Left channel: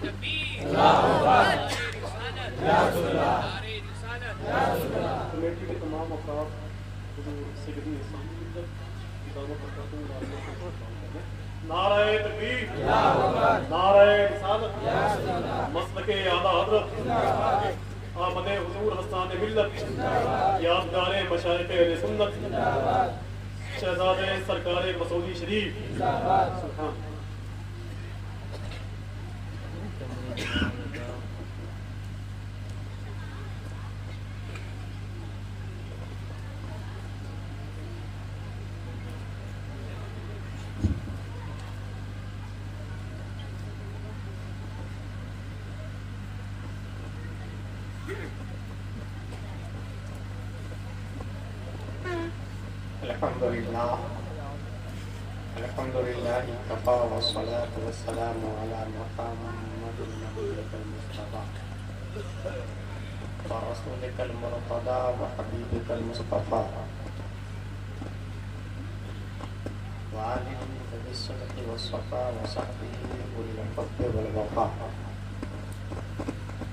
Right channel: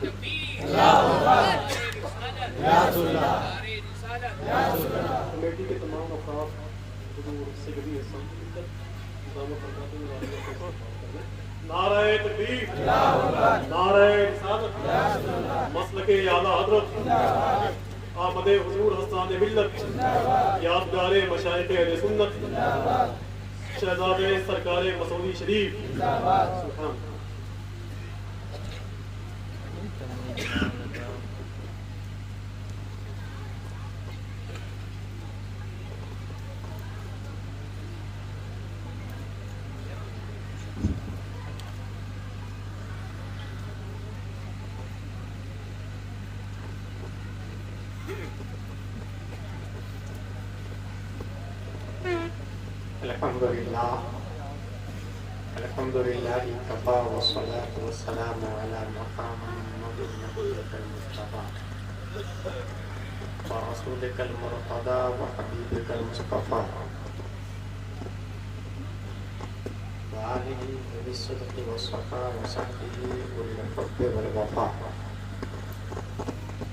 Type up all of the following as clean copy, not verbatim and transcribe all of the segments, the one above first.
Committee के तमाम अफराद से कभी नारे तकबीर, नारे रिसालत, मसलके आला हज़रत, आमदे हुजूर हस्ताने मिल्लत, यादगारे मशाइख़े अहले सुन्नत, शहज़ादे सरकारे मसूदी शरीफ। सुभान अल्हम्दुलिल्लाह कफ़ा वस्सलातु वस्सलामु अला मुहम्मदिन नबिय्यिल मुस्तफ़ा व रसूलिकल मुर्तज़ा व हबीबिकल मुस्तफ़ा व आलिहि बिस्सिद्क़ि वस्सफ़ा व सहबिहि उल हुब्बि वल वफ़ा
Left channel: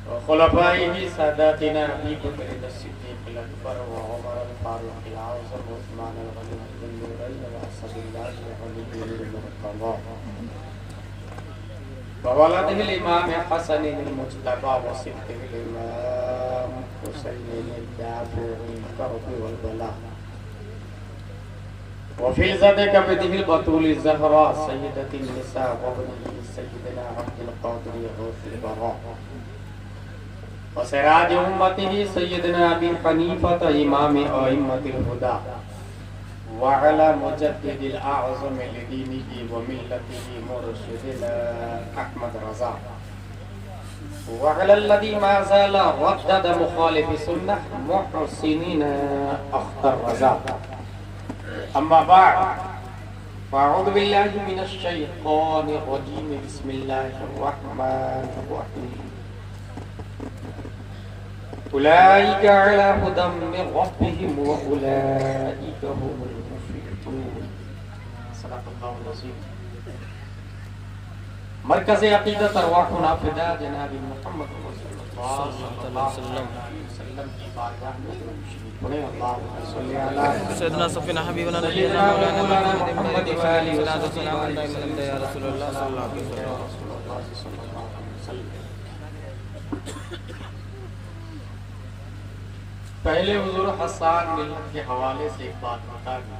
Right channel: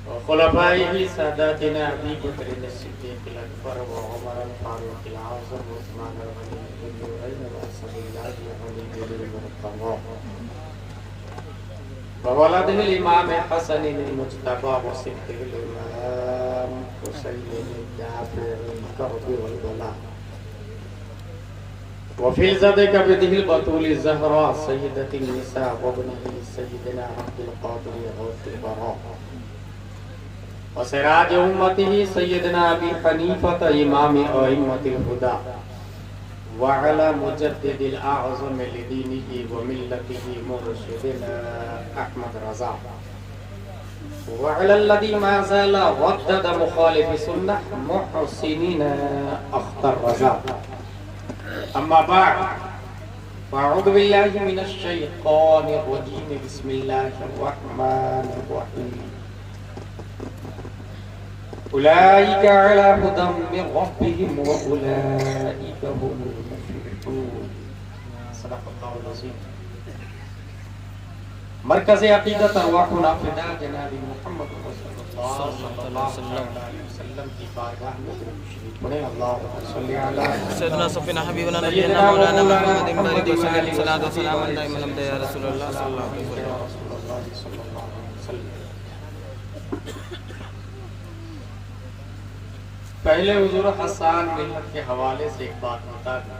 व खुलफ़ाइहि सादातिना अबी बकर सिद्दीक़िल अकबर व उमर फारूक़िल आज़म व उस्मान गनी ववलदिल इमाम हसन मुज्तबा व सिद्दीक़िल इमाम हुसैन जाफ़री करबी वल बला व फ़िज़्ज़त कबदिल बतूल ज़हरा सय्यदतिन निसा व बनी सय्यदना अब्दुल क़ादिर गौसिल बरा व सिराज उम्मतिही सय्यदना अबी हनीफ़ा इमाम अइम्मतिल हुदा वअला मुजद्दिदिल आज़म लिदीनिही व मिल्लतिही मुर्शिदिना अहमद रज़ा वअला अल्लज़ी मा ज़ाला वद्दद मुखालिफ़ सुन्नह मुहसिनीना अख्तर रज़ा अम्मा बअद फ़अऊज़ु बिल्लाहि मिनश शैतानिर रजीम बिस्मिल्लाहिर रहमानिर रहीम उलाइका अला हुदम मिन रब्बिहिम व उलाइका हुमुल मुफ़्लिहून। सदक़ल्लाहुल अज़ीम। मरकज़ अक़ीदत अरवाहुना फ़िदा जनाब मुहम्मद सल्लल्लाहु अलैहि वसल्लम की बारगाह में पढ़े अल्लाहुम्मा सल्लि अला सय्यदना सफ़ीना हबीबना नबीना मौलाना मुहम्मद बारिक सल्लल्लाहु अलैहि वसल्लम या रसूलल्लाह सल्लल्लाहु अलैहि वसल्लम। पहले हुजूर हसन मिल्लत के हवाले से एक बात बता दूं,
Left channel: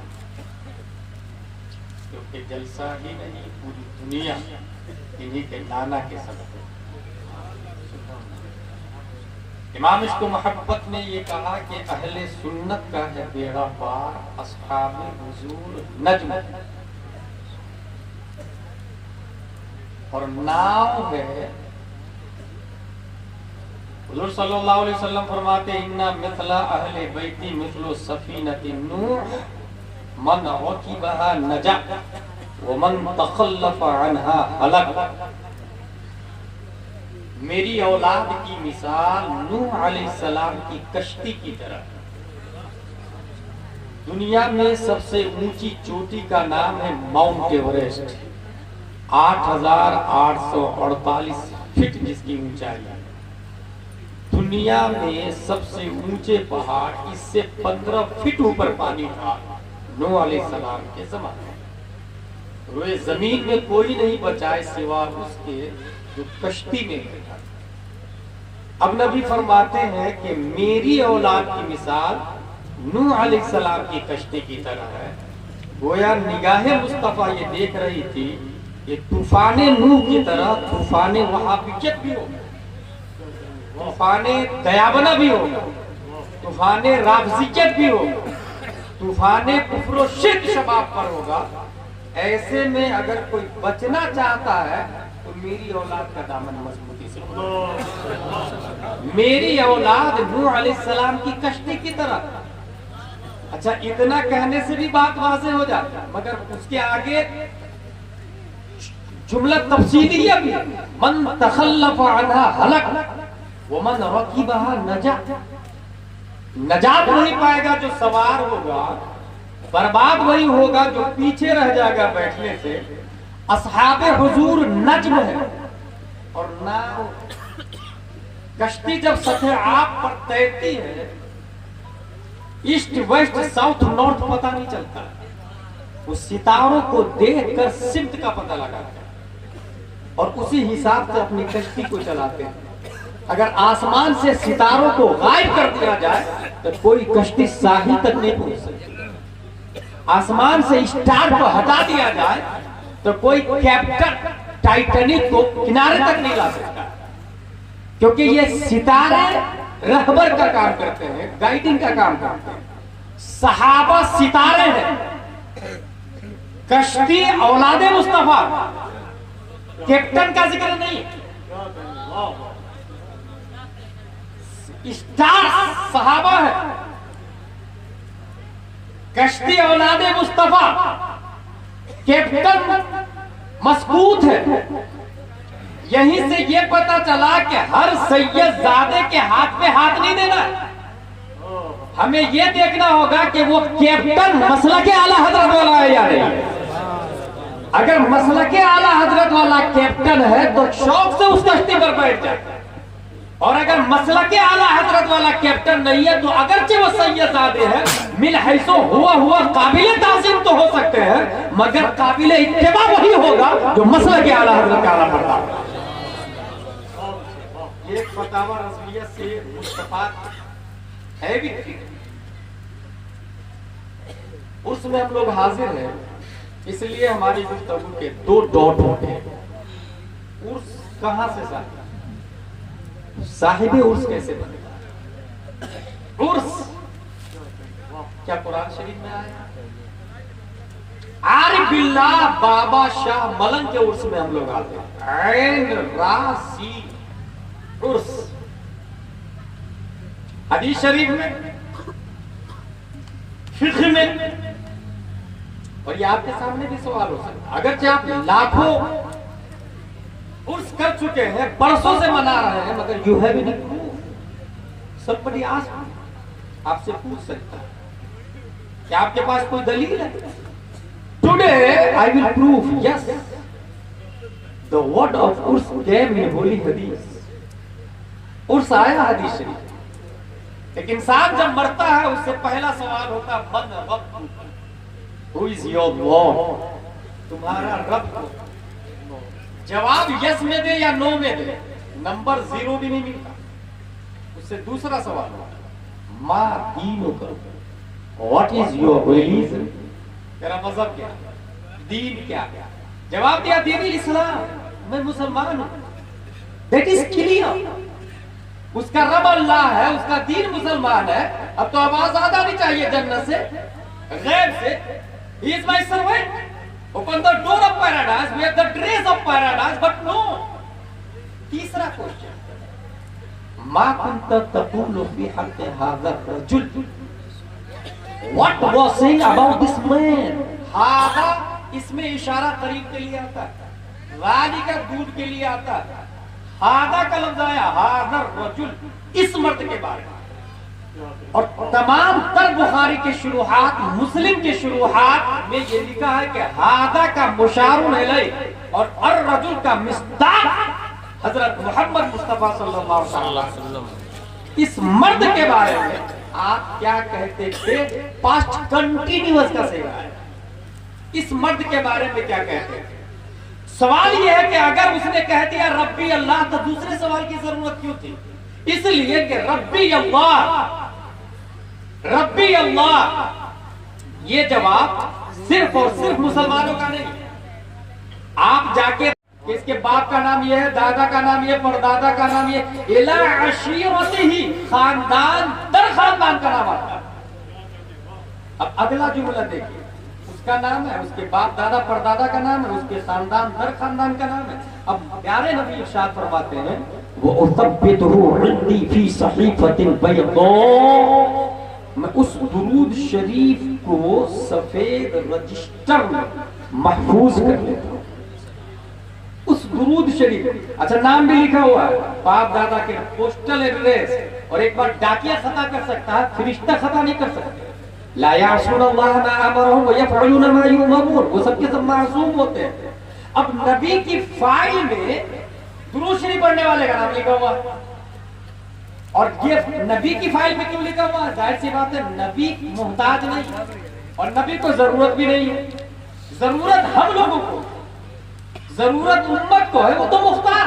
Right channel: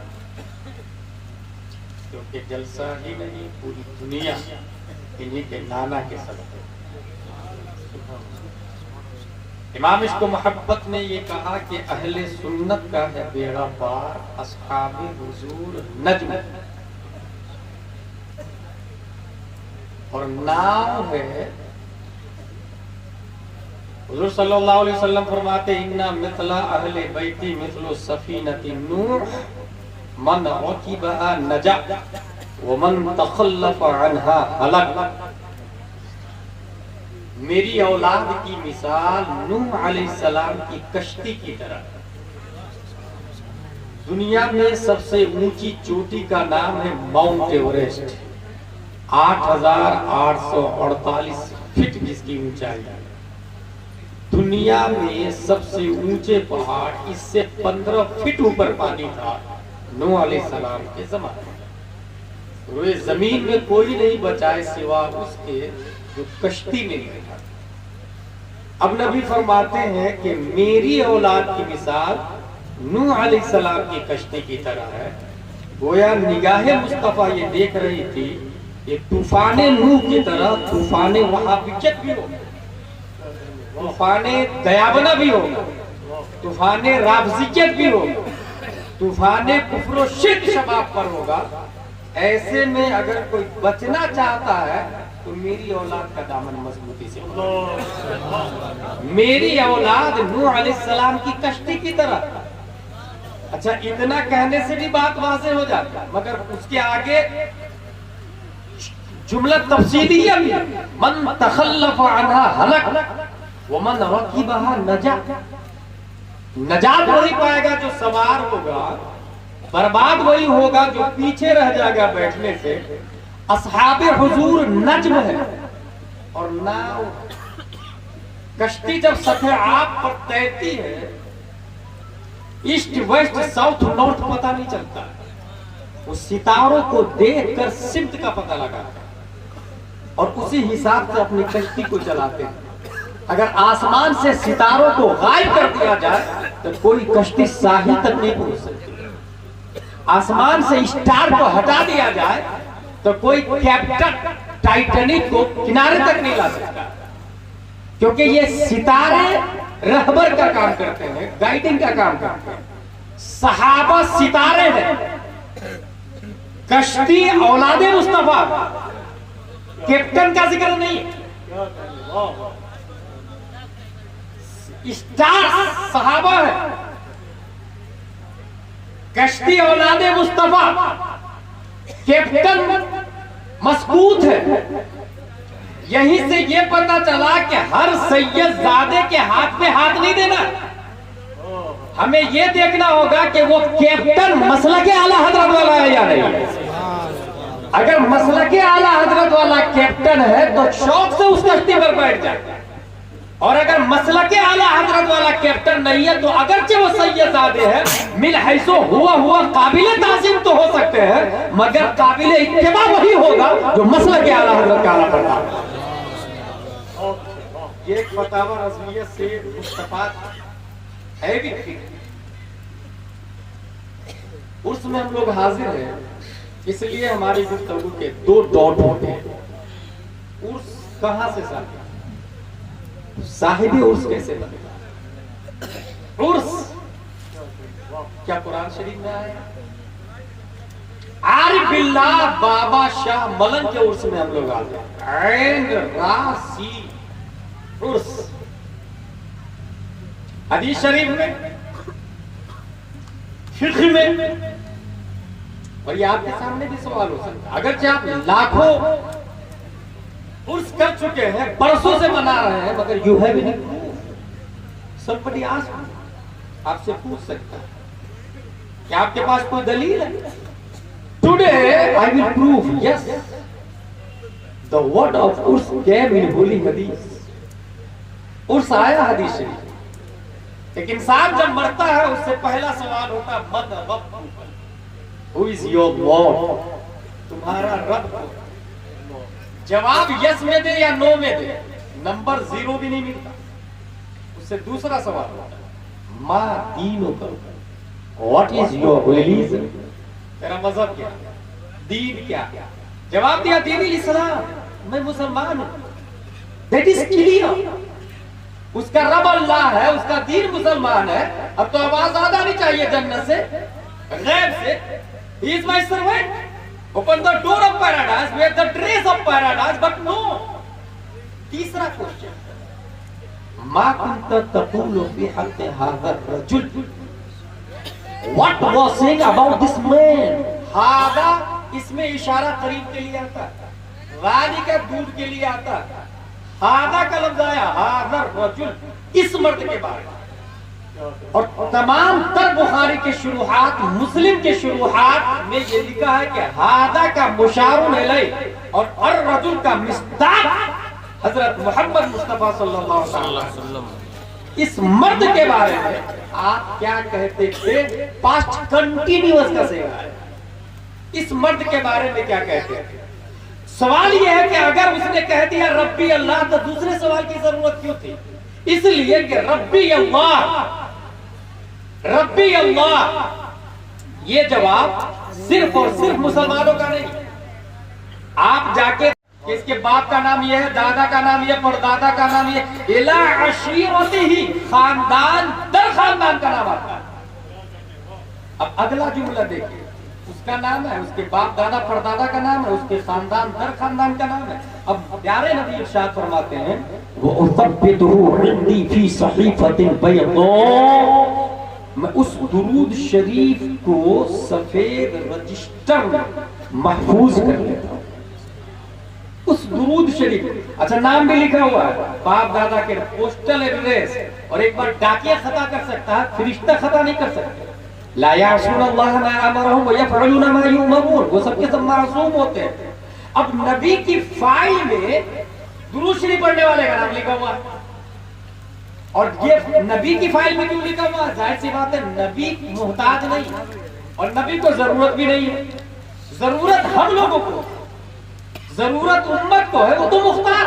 क्योंकि जलसा ही नहीं पूरी दुनिया इन्हीं के नाना के सबब है। इमाम इश्क़ मोहब्बत ने ये कहा कि अहले सुन्नत का है बेड़ा पार अस्हाबे हुजूर नज्म, और नाम है हुज़ूर सल्लल्लाहु अलैहि वसल्लम फरमाते इन्ना मिथला अहले बैती मिथलु सफीनति नूह मन रकिबहा नजा व मन तखल्लफ अन्हा हलक। मेरी औलाद की मिसाल नूह अलैहिस्सलाम की कश्ती की तरह। दुनिया में सबसे ऊंची चोटी का नाम है माउंट एवरेस्ट, 8,848 फीट जिसकी ऊंचाई है। दुनिया में सबसे ऊंचे पहाड़ इससे 15 फीट ऊपर पानी था नूह अलैहिस्सलाम के ज़माने में। रोए जमीन में कोई नहीं बचाए सिवा उसके जो कश्ती में बैठा। अब नबी फरमाते हैं कि मेरी औलाद की मिसाल नूह अलैहिस्सलाम की कश्ती की तरह है। गोया निगाहे मुस्तफा ये देख रही थी कि तूफाने नूह की तरह तूफाने वहाबियत भी होगा, तूफाने दयाबना भी होगा, तूफाने राफजियत भी होगा, तूफाने कुफ्र व शिर्क शबाब पर होगा। ऐसे में अगर कोई बचना चाहता है तो मेरी औलाद का दामन मजबूती से, मेरी औलाद नूह अलैहिस्सलाम की कश्ती की तरह। अच्छा, इतना कहने से भी बात वहां से हो जाता है, मगर उसके आगे जुमला तफसीली है। मन तखल्लफ अन्हा हलक व मन रकिबहा नजा। नजात वही पाएगा जो सवार होगा, बर्बाद वही होगा जो पीछे रह जाएगा बैठने से। अस्हाबे हुजूर नज्म है और नाव कश्ती जब सफेद आग पर तैरती है, ईस्ट वेस्ट साउथ नॉर्थ पता नहीं चलता, वो सितारों को देखकर सिमत का पता लगाते हैं और उसी हिसाब से अपनी कश्ती को चलाते हैं। अगर आसमान से सितारों को गायब कर दिया जाए तो कोई कश्ती साहिल तक नहीं पहुंच सकती। आसमान से स्टार को हटा दिया जाए तो कोई कैप्टन टाइटैनिक को किनारे तक नहीं ला सकता, क्योंकि ये सितारे रहबर का काम करते हैं, गाइडिंग का काम करते हैं। सहाबा सितारे हैं, कश्ती औलादे मुस्तफा, कैप्टन का जिक्र नहीं है। स्टार सहाबा है, कश्ती औलादे मुस्तफा, कैप्टन मजबूत है। यहीं से ये पता चला कि हर सैयदजादे के हाथ पे हाथ नहीं देना, हमें ये देखना होगा कि वो कैप्टन मसलके आला हजरत वाला है या नहीं। अगर मसलके आला हजरत वाला कैप्टन है तो शौक से उस कश्ती पर बैठ जाए, और अगर मसलके आला हजरत वाला कैप्टन नहीं है तो अगरचे वो सैयदजादे हैं, मिल हैसो हुआ काबिले ताज़ीम तो हो सकते हैं, मगर काबिले इत्तिबा वही होगा जो मसलके आला हजरत का आला पढ़ता है। ये फतावा रज़विय्या से मुस्तफा है भी थी। उसमें हम लोग हाजिर हैं, इसलिए हमारी गुफ्तगू के 2 डॉट होते हैं। उर्स कहां से साहिबे उर्स कैसे बने? उर्स क्या कुरान शरीफ में आया? आरिफ बिल्लाह बाबा शाह मलंग के उर्स में हम लोग आते हैं। एंड रासी उर्स हदीस शरीफ में, फिक्र में, और ये आपके सामने भी सवाल हो सकता है। अगर आप लाखों उर्स कर चुके हैं, बरसों से मना रहे हैं, मगर यू हैव एनी प्रूफ? सबकी आपसे पूछ सकता है क्या आपके पास कोई दलील है? Today I will prove yes the word of Urs came in holy hadith. Urs आया हदीस शरीफ। एक इंसान जब मरता है उससे पहला सवाल होता है मन रब, हु इज योर लॉर्ड, तुम्हारा रब। जवाब यस में दे या नो में दे, नंबर 0 भी नहीं मिलता। उससे दूसरा सवाल होता है मा दीनुका, व्हाट इज योर रिलीजन, तेरा मजहब क्या, दीन क्या? जवाब दिया दीन इस्लाम, मैं मुसलमान हूं। That is clear. उसका रब अल्लाह है, उसका दीन मुसलमान है। अब तो आवाज आना नहीं चाहिए जन्नत से, गैब से, he is my servant, open the door of paradise, we are the trace of paradise, but no. तीसरा क्वेश्चन मा कुंत तक़ूलु फी हक़ हाज़ा रजुल, what was saying about this man. हादा इसमें इशारा करीब के लिए आता है, गाली का दूध के लिए आता है। हादा का लफ्ज आया हाज़ा रजुल, इस मर्द के बारे में। और तमाम तर बुखारी के शुरुआत, मुस्लिम के शुरुआत में ये लिखा है कि हादा का मुशारुन इलैह और अर रजुल का मिस्दाक हजरत मोहम्मद मुस्तफा सल्लल्लाहु अलैहि वसल्लम। इस मर्द के बारे में आप क्या कहते थे? पास्ट कंटिन्यूअस का सेवा है। इस मर्द के बारे में क्या कहते हैं? सवाल यह है कि अगर उसने कह दिया रब्बी अल्लाह तो दूसरे सवाल की जरूरत क्यों थी? इसलिए कि रब्बी अल्लाह, रब्बी अल्लाह ये जवाब सिर्फ और सिर्फ मुसलमानों का नहीं। आप जाके इसके बाप का नाम ये है, दादा का नाम ये, परदादा का नाम ये, इला अशीरतिही, खानदान दर खानदान का नाम आता है। अब अगला जुमला देखिए, उसका नाम है, उसके बाप दादा परदादा का नाम है, उसके खानदान दर खानदान का नाम है। अब प्यारे नबी इरशाद फरमाते हैं वो उसब्बितहु इंदी फी सहीफतिल बैदा, मैं उस दुरूद शरीफ को सफेद रजिस्टर महफूज कर लेता हूं। उस दुरूद शरीफ, अच्छा नाम भी लिखा हुआ है, बाप दादा के पोस्टल एड्रेस, और एक बार डाकिया खता कर सकता है, फरिश्ता खता नहीं कर सकता। ला यासूनल्लाह मा अमरहुम व यफअलून मा युमरून, वो सबके सब मासूम होते हैं। अब नबी की फाइल में दुरूद शरीफ पढ़ने वाले का नाम लिखा हुआ। और ये नबी की फाइल में क्यों लिखा हुआ? जाहिर सी बात है, नबी मोहताज नहीं और नबी को जरूरत भी नहीं है। जरूरत हम लोगों को, जरूरत उम्मत को है, वो तो मुख्तार।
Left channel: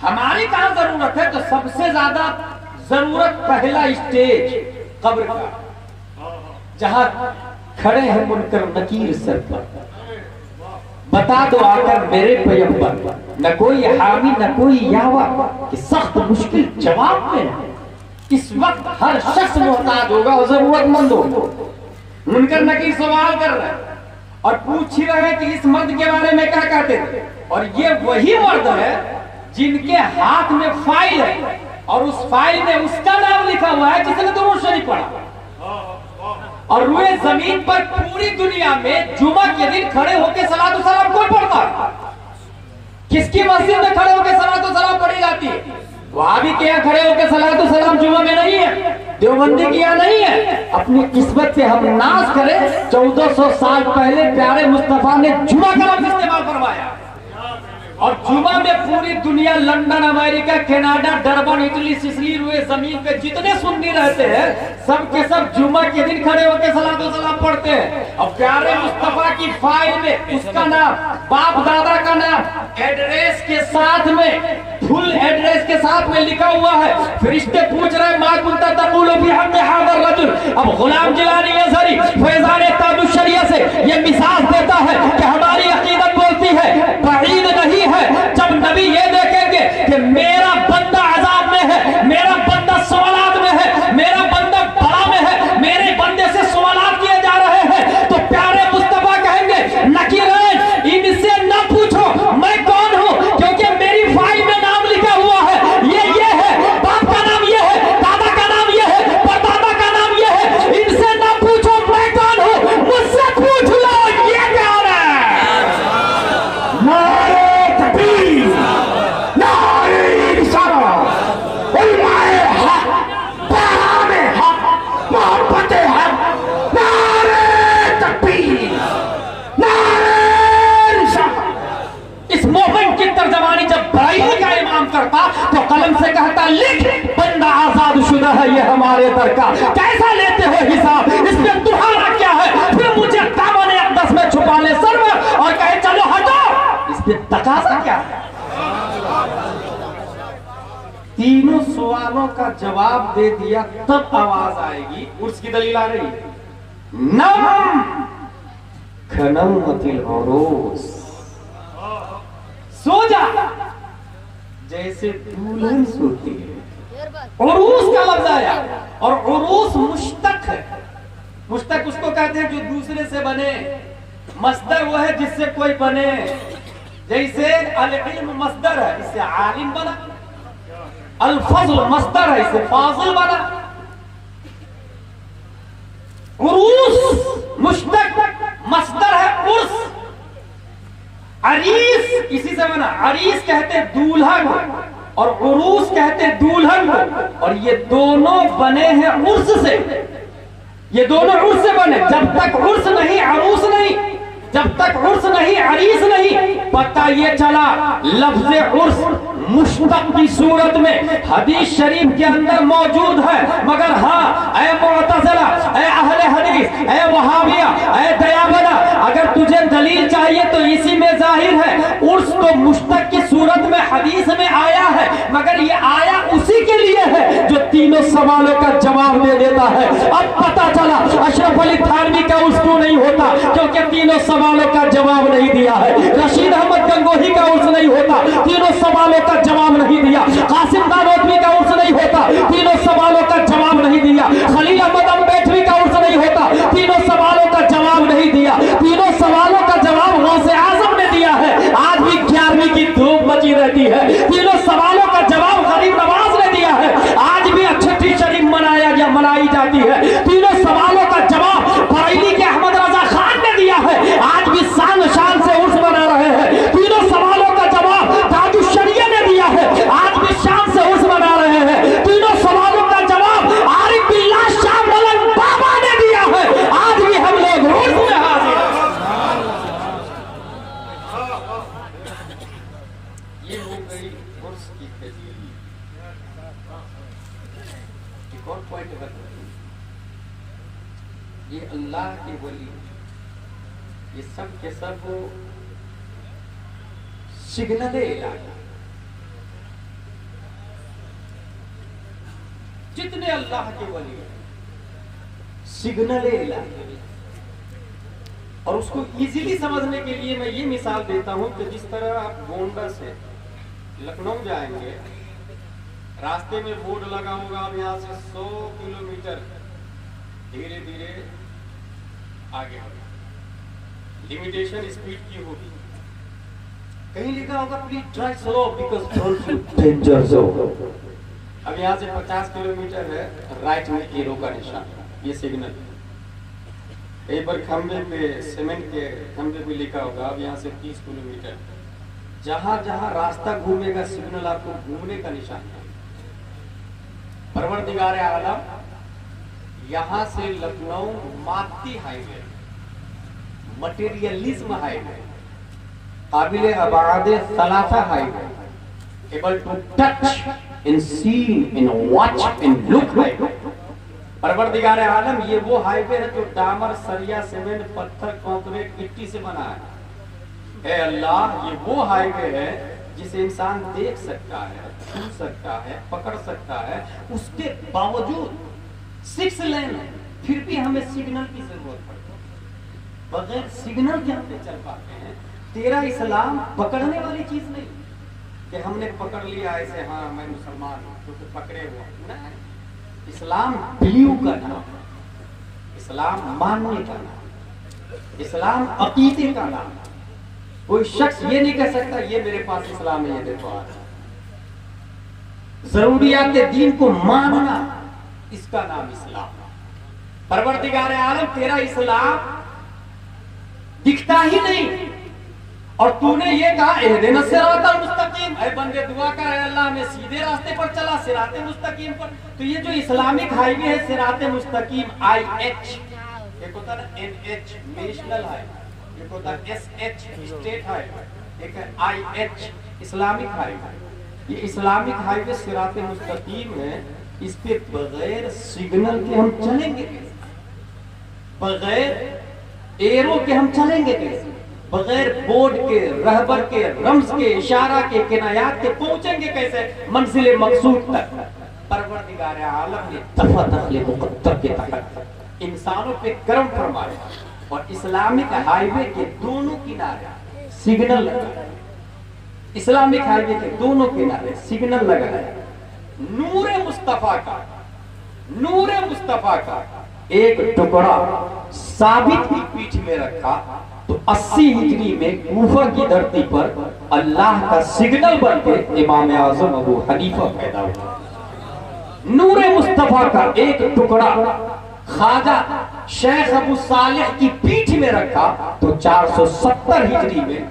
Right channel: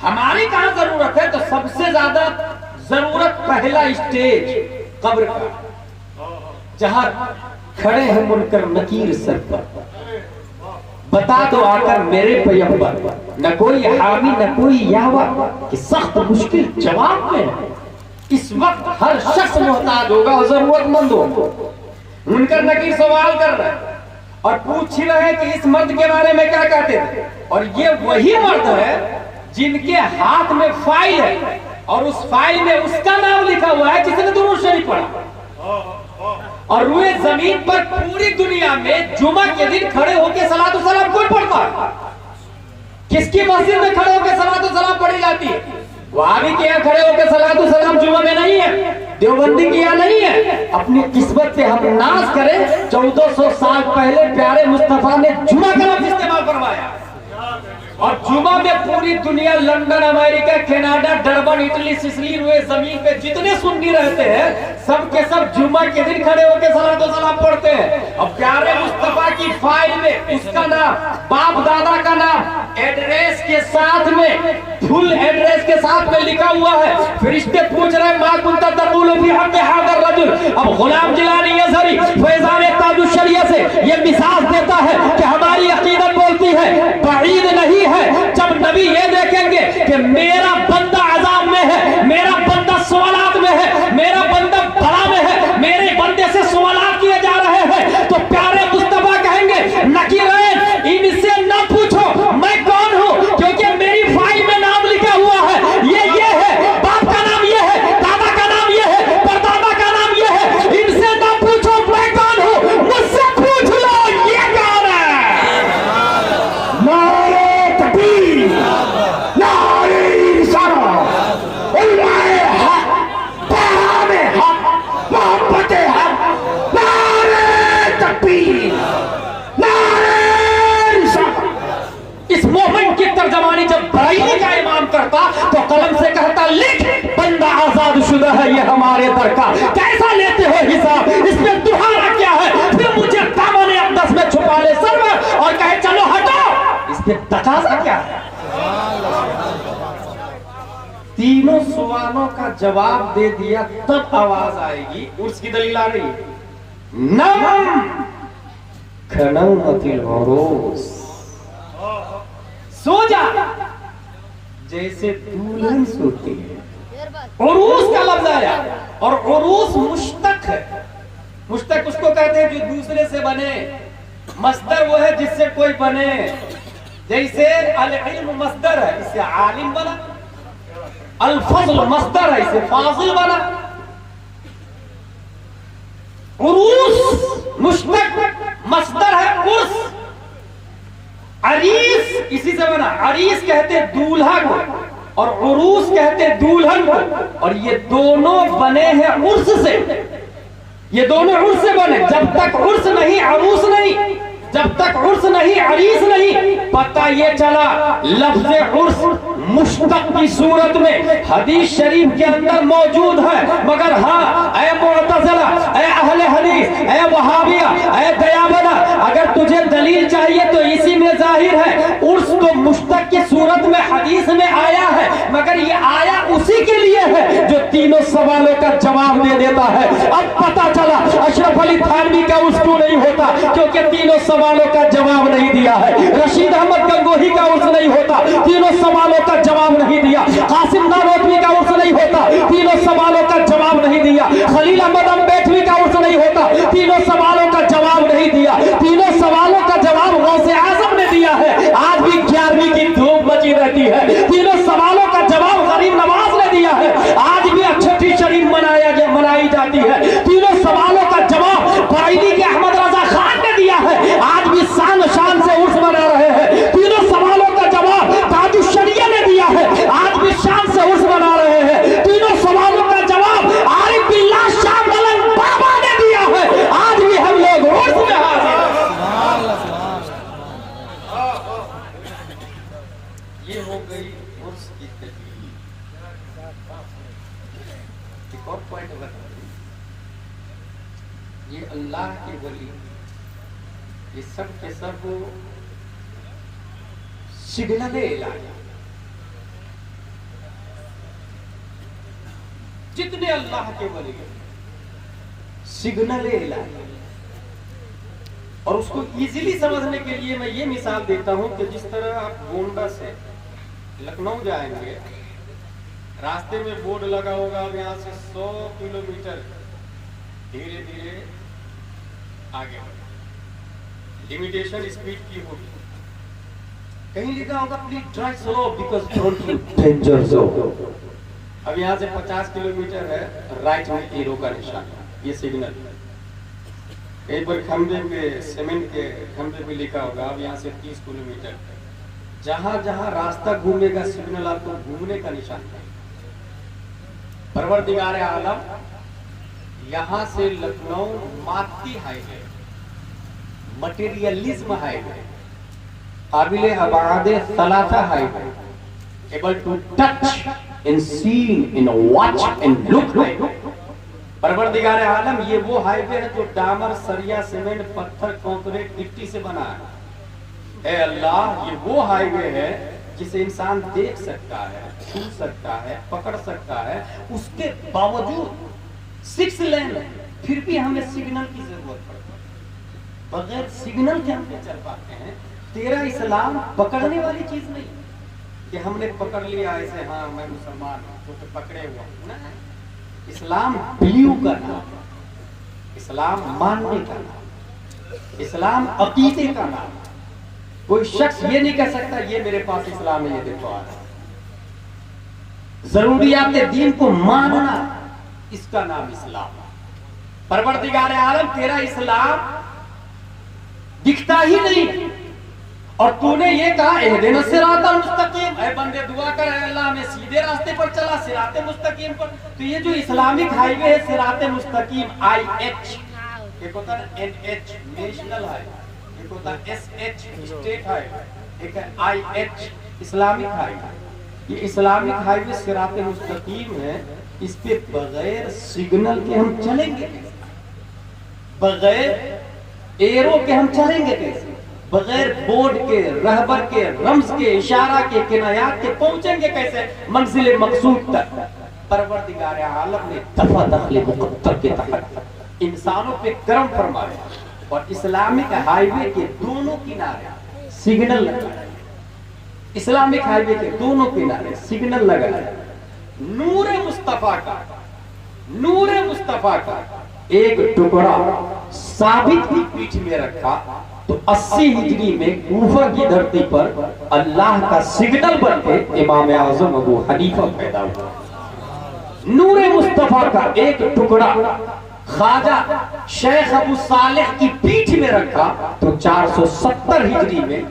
हमारी कहां जरूरत है? तो सबसे ज्यादा जरूरत पहला स्टेज कब्र का, जहां खड़े हैं मुनकर नकीर सर पर, बता दो आकर मेरे पैगंबर, न कोई हामी न कोई यावा, कि सख्त मुश्किल जवाब में है। इस वक्त हर शख्स मोहताज होगा और जरूरतमंद होगा। मुनकर नकीर सवाल कर रहे हैं और पूछ ही रहे हैं कि इस मर्द के बारे में क्या कहते थे। और ये वही मर्द है जिनके हाथ में फाइल है और उस फाइल में उसका नाम लिखा हुआ है जिसने दुरूद शरीफ पढ़ा। और रुए जमीन पर पूरी दुनिया में जुमा के दिन खड़े होकर सलातो सलाम कौन पढ़ता है? किसकी मस्जिद में खड़े होकर सलातो सलाम पढ़ी जाती है? वहाबी के यहाँ खड़े होकर सलातो सलाम जुमा में नहीं है, देवबंदी के यहाँ नहीं है। अपनी किस्मत से हम नाज करें, 1400 साल पहले प्यारे मुस्तफा ने जुमा का लफ्ज इस्तेमाल करवाया और जुमा में पूरी दुनिया, London, America, Canada, Durban, Italy, Sicily, रुए जमीन पे जितने सुन्नी रहते हैं सब के सब जुमा के दिन खड़े होकर सलातो सलाम पढ़ते हैं। और प्यारे मुस्तफा की फाइल में उसका नाम, बाप दादा का नाम, एड्रेस के साथ में, फुल एड्रेस के साथ में लिखा हुआ है। फरिश्ते पूछ रहे हैं, मां कुंता तक़ूलु फी हक़्क़ि हाज़ा रजुल। अब गुलाम जिलानी अज़हरी फैज़ान ताजुश शरिया से ये मिसाल देता है कि हमारी अकीदत बोलती है, बईद नहीं है जब नबी ये देखेंगे कि मेरा बंदा अज़ाब में है, मेरा बंदा सवालात में है, मेरा बंदा बला में है, मेरे बंदे से सवालात किए जा रहे हैं, तो प्यारे मुस्तफा कहेंगे, नकीरैन इनसे ना पूछो मैं कौन हूं, क्योंकि मेरी फाइल में नाम लिखा हुआ है, ये है, बाप का नाम ये है, दादा का नाम ये है, परदादा का नाम ये है। इनसे ना पूछो मैं कौन हूं, मुझसे पूछ लो ये कौन है। नारे तकबीर, नारे रिसालत, इल्मे हक, पैगामे हक, मोहब्बते हक, नारे तकबीर, नारे रिसालत। इस मोमेंट की तर्जमानी जब बराइली का इमाम करता तो कलम से कहता, लिख बंदा आजाद शुदा है ये हमारे दर का, कैसा लेते हो हिसाब, इसमें तुम्हारा क्या है? फिर मुझे दामन अक़दस में छुपा ले सरवर और कहे चलो हटो, इसमें तकाजा क्या है? तीनों सवालों का जवाब दे दिया तब आवाज आएगी। उसकी दलील आ रही, नम खनौमतिल उरूस, सो जा जैसे दुल्हन सोती है। उरूस का लफ्ज आया और उरूस मुश्तक है। मुश्तक उसको कहते हैं जो दूसरे से बने, मस्दर वो है जिससे कोई बने। जैसे अल इल्म मस्दर है, इससे आलिम बना, अल फज़ल मस्दर है, इससे फाजिल बना। उरूस मुश्तक मस्दर है उर्स। अरीस इसी से बना, अरीस कहते दूल्हा को और उरूस कहते दुल्हन को, और ये दोनों बने हैं उर्स से। ये दोनों उर्स से बने। जब तक उर्स नहीं अरूस नहीं, जब तक उर्स नहीं अरीस नहीं, पता ये चला लफ्ज़ उर्स मुश्तक की सूरत में हदीस शरीफ के अंदर मौजूद है। मगर हाँ, ऐ मुअतज़िला, ऐ अहले हदीस, ऐ वहाबिया, ऐ दयाबना, अगर तुझे दलील चाहिए तो इसी में जाहिर है। उर्स तो मुश्तक की सूरत में हदीस में आया है, मगर ये आया उसी के लिए है जो तीनों सवालों का जवाब दे देता है। अब पता चला अशरफ अली थानवी का उर्स क्यों नहीं होता, क्योंकि तीनों सवालों का जवाब नहीं दिया है। रशीद अहमद गंगोही का उर्स नहीं होता, तीनों सवालों का जवाब नहीं दिया। कासिम नानोतवी का उर्स नहीं होता, तीनों सवालों का जवाब नहीं दिया। खलील अहमद अम्बेडकरी का उर्स नहीं होता, तीनों सवालों का जवाब नहीं दिया। तीनों सवालों का जवाब गौसे आजम ने दिया है। आज भी 11वीं की धूप मची रहती है। तीनों सवालों का जवाब गरीब नवाज ने दिया है। आज भी छठी शरीफ मनाई जाती है। तीनों सवालों का जवाब बरेली के अहमद रजा खान ने दिया है। आज भी शान शान से उर्स मना रहे हैं। ये हो गई उर्स की तकलीफ। एक और पॉइंट अगर ये अल्लाह के वली, ये सब के सब सिग्नल इलाही, जितने अल्लाह के वली सिग्नल इलाही। और उसको इजीली समझने के लिए मैं ये मिसाल देता हूं कि जिस तरह आप गोंडा से लखनऊ जाएंगे, रास्ते में बोर्ड लगा होगा, अब यहाँ से 100 किलोमीटर धीरे धीरे आगे बढ़े, लिमिटेशन स्पीड की होगी, कहीं लिखा होगा please drive slow because danger zone. अब यहाँ से 50 किलोमीटर है, राइट में हीरो का निशान, ये सिग्नल। एक बार खंबे पे, सीमेंट के खंबे पे लिखा होगा अब यहाँ से 30 किलोमीटर। जहां जहां रास्ता घूमेगा सिग्नल आपको घूमने का निशान है। परवरदिगार आलम यहाँ से लखनऊ माती हाईवे, मटेरियलिज्म हाईवे, काबिले आबाद सलासा highway, able to touch in see in watch in look highway. परवरदिगार आलम ये वो हाईवे है जो डामर, सरिया, सीमेंट, पत्थर, कंक्रीट, मिट्टी से बना है। अल्लाह ये वो हाईवे है जिसे इंसान देख सकता है, छू सकता है, पकड़ सकता है, उसके बावजूद 6 लेन है, फिर भी हमें सिग्नल की जरूरत पड़ती है। बगैर सिग्नल के हम चल पाते हैं। तेरा इस्लाम पकड़ने वाली चीज नहीं कि हमने पकड़ लिया ऐसे, हाँ मैं मुसलमान हूँ तो पकड़े हुए नहीं। इस्लाम बिलीव करना, इस्लाम मानने का नाम, इस्लाम अकीदे का नाम। कोई शख्स ये नहीं कह सकता ये मेरे पास इस्लाम है, ये देखो जरूरियात दीन को मानना, इसका नाम इस्लाम। परवरदिगार आलम तेरा इस्लाम दिखता ही नहीं और तूने ये कहा एहदिना सिरातल मुस्तकीम, ऐ बंदे दुआ कर अल्लाह मैं सीधे रास्ते पर चला, सिराते मुस्तकीम पर। तो ये जो इस्लामिक हाईवे है सिराते मुस्तकीम IH, एक होता है NH नेशनल हाईवे, एक होता है SH स्टेट हाईवे, एक है IH इस्लामिक हाईवे। ये इस्लामिक हाईवे सिराते मुस्तकीम है, इस पे बगैर सिग्नल के हम चलेंगे कैसे? बगैर एरो के हम चलेंगे कैसे? बगैर बोर्ड के, रहबर के, रम्स के, इशारा के, किनायात के पहुंचेंगे कैसे मंजिल मकसूद तक? परवरदिगार आलम ने दफा दखल मुक़द्दर के तहत इंसानों पे कर्म फरमाया और इस्लामिक हाईवे के दोनों किनारे सिग्नल लगाए। इस्लामिक हाईवे के दोनों किनारे सिग्नल लगाए। नूर मुस्तफा का, नूर मुस्तफा का एक टुकड़ा साबित की पीठ में रखा तो 80 हिजरी में कूफा की धरती पर अल्लाह का सिग्नल बनके इमाम आजम अबू हनीफा पैदा हुआ। नूर मुस्तफा का एक टुकड़ा ख्वाजा शेख अबू सालेह की पीठ में रखा तो 470 हिजरी में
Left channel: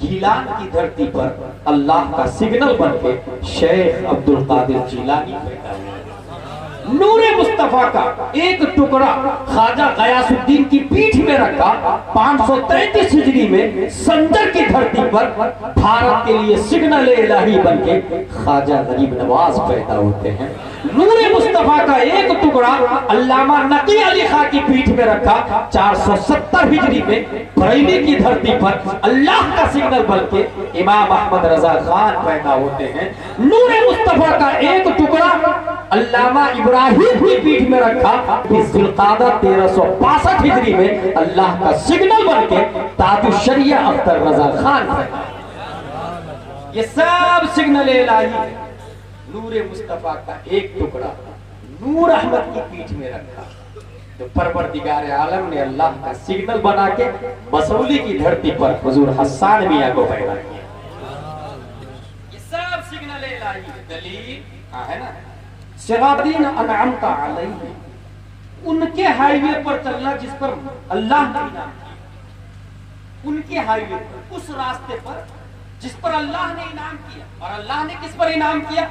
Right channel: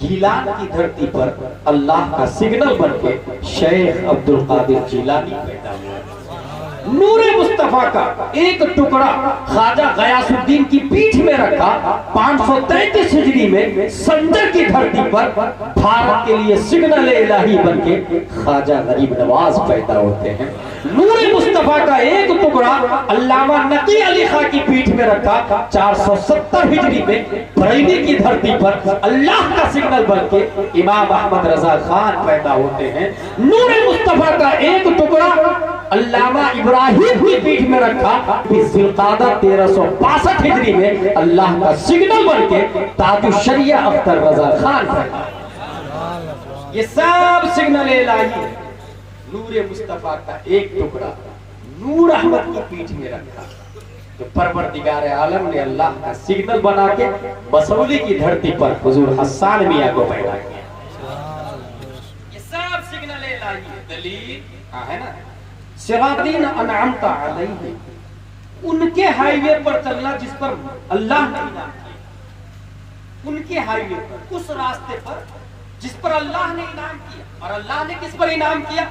गीलान की धरती पर अल्लाह का सिग्नल बनके शेख अब्दुल कादिर जिलानी पैदा हुआ। नूर मुस्तफा का एक टुकड़ा ख्वाजा गयासुद्दीन की पीठ में रखा 533 हिजरी में संजर की धरती पर भारत के लिए सिग्नल इलाही बनके ख्वाजा गरीब नवाज पैदा होते हैं। नूर मुस्तफा का एक टुकड़ा अल्लामा नकी अली खां की पीठ में रखा 470 हिजरी में बरेली की धरती पर अल्लाह का सिग्नल बनके इमाम अहमद रजा खान पैदा होते हैं। नूर मुस्तफा का एक टुकड़ा अल्लामा इब्राहिम की पीठ में रखा ज़िलक़ादा 1362 हिजरी में अल्लाह का सिग्नल बनके ताजुश्शरिया अख्तर रजा खान पैदा। ये सब सिग्नल इलाही है। नूर मुस्तफा का एक टुकड़ा नूर अहमद की पीठ में रखा तो परवरदिगार आलम ने अल्लाह का सिग्नल बना के बसौली की धरती पर हुजूर हसन मियां को पैदा किया। ये सब सिग्नल इलाही है। दलील है ना, सिरातीन अनअमता अलैहि, उनके हाईवे पर चलना जिस पर अल्लाह ने इनाम किया, उनके हाईवे पर, उस रास्ते पर जिस पर अल्लाह ने इनाम किया। और अल्लाह ने किस पर इनाम किया?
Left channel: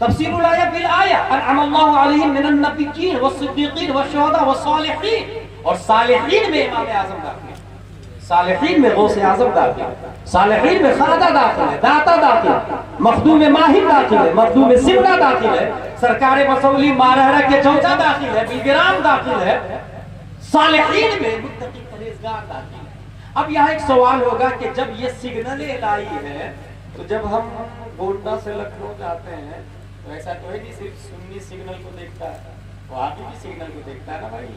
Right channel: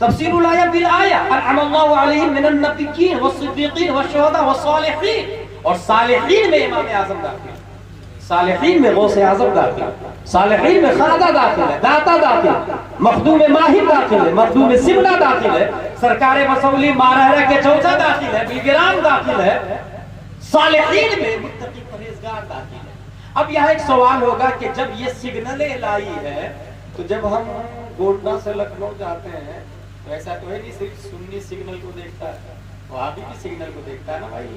तफसीरुल आया बिल आया अनअमल्लाहु अलैहिम मिनन नबिय्यीन वस्सिद्दीकीन वशुहदा वस्सालिहीन, और सालिहीन में इमाम आज़म दाखिल। सालिहीन में गौसे आज़म दाखिल है, सालिहीन में ख्वाजा दाखिल है, दाता दाखिल है, मखदूम माहिर दाखिल है, मखदूम सिमरा दाखिल है, सरकार मसौली मारहरा के चौथा दाखिल है, बिगराम दाखिल है, सालिहीन में मुत्तकी परहेजगार दाखिल है। अब यहाँ एक सवाल होगा कि जब ये सिग्नल इलाही है तो जब हम गोंडा से लखनऊ जाते हैं तो ऐसा तो है नहीं सिर्फ सुन्नी सिग्नल को देखता है, वहाबी भी सिग्नल को देखता है ना भाई,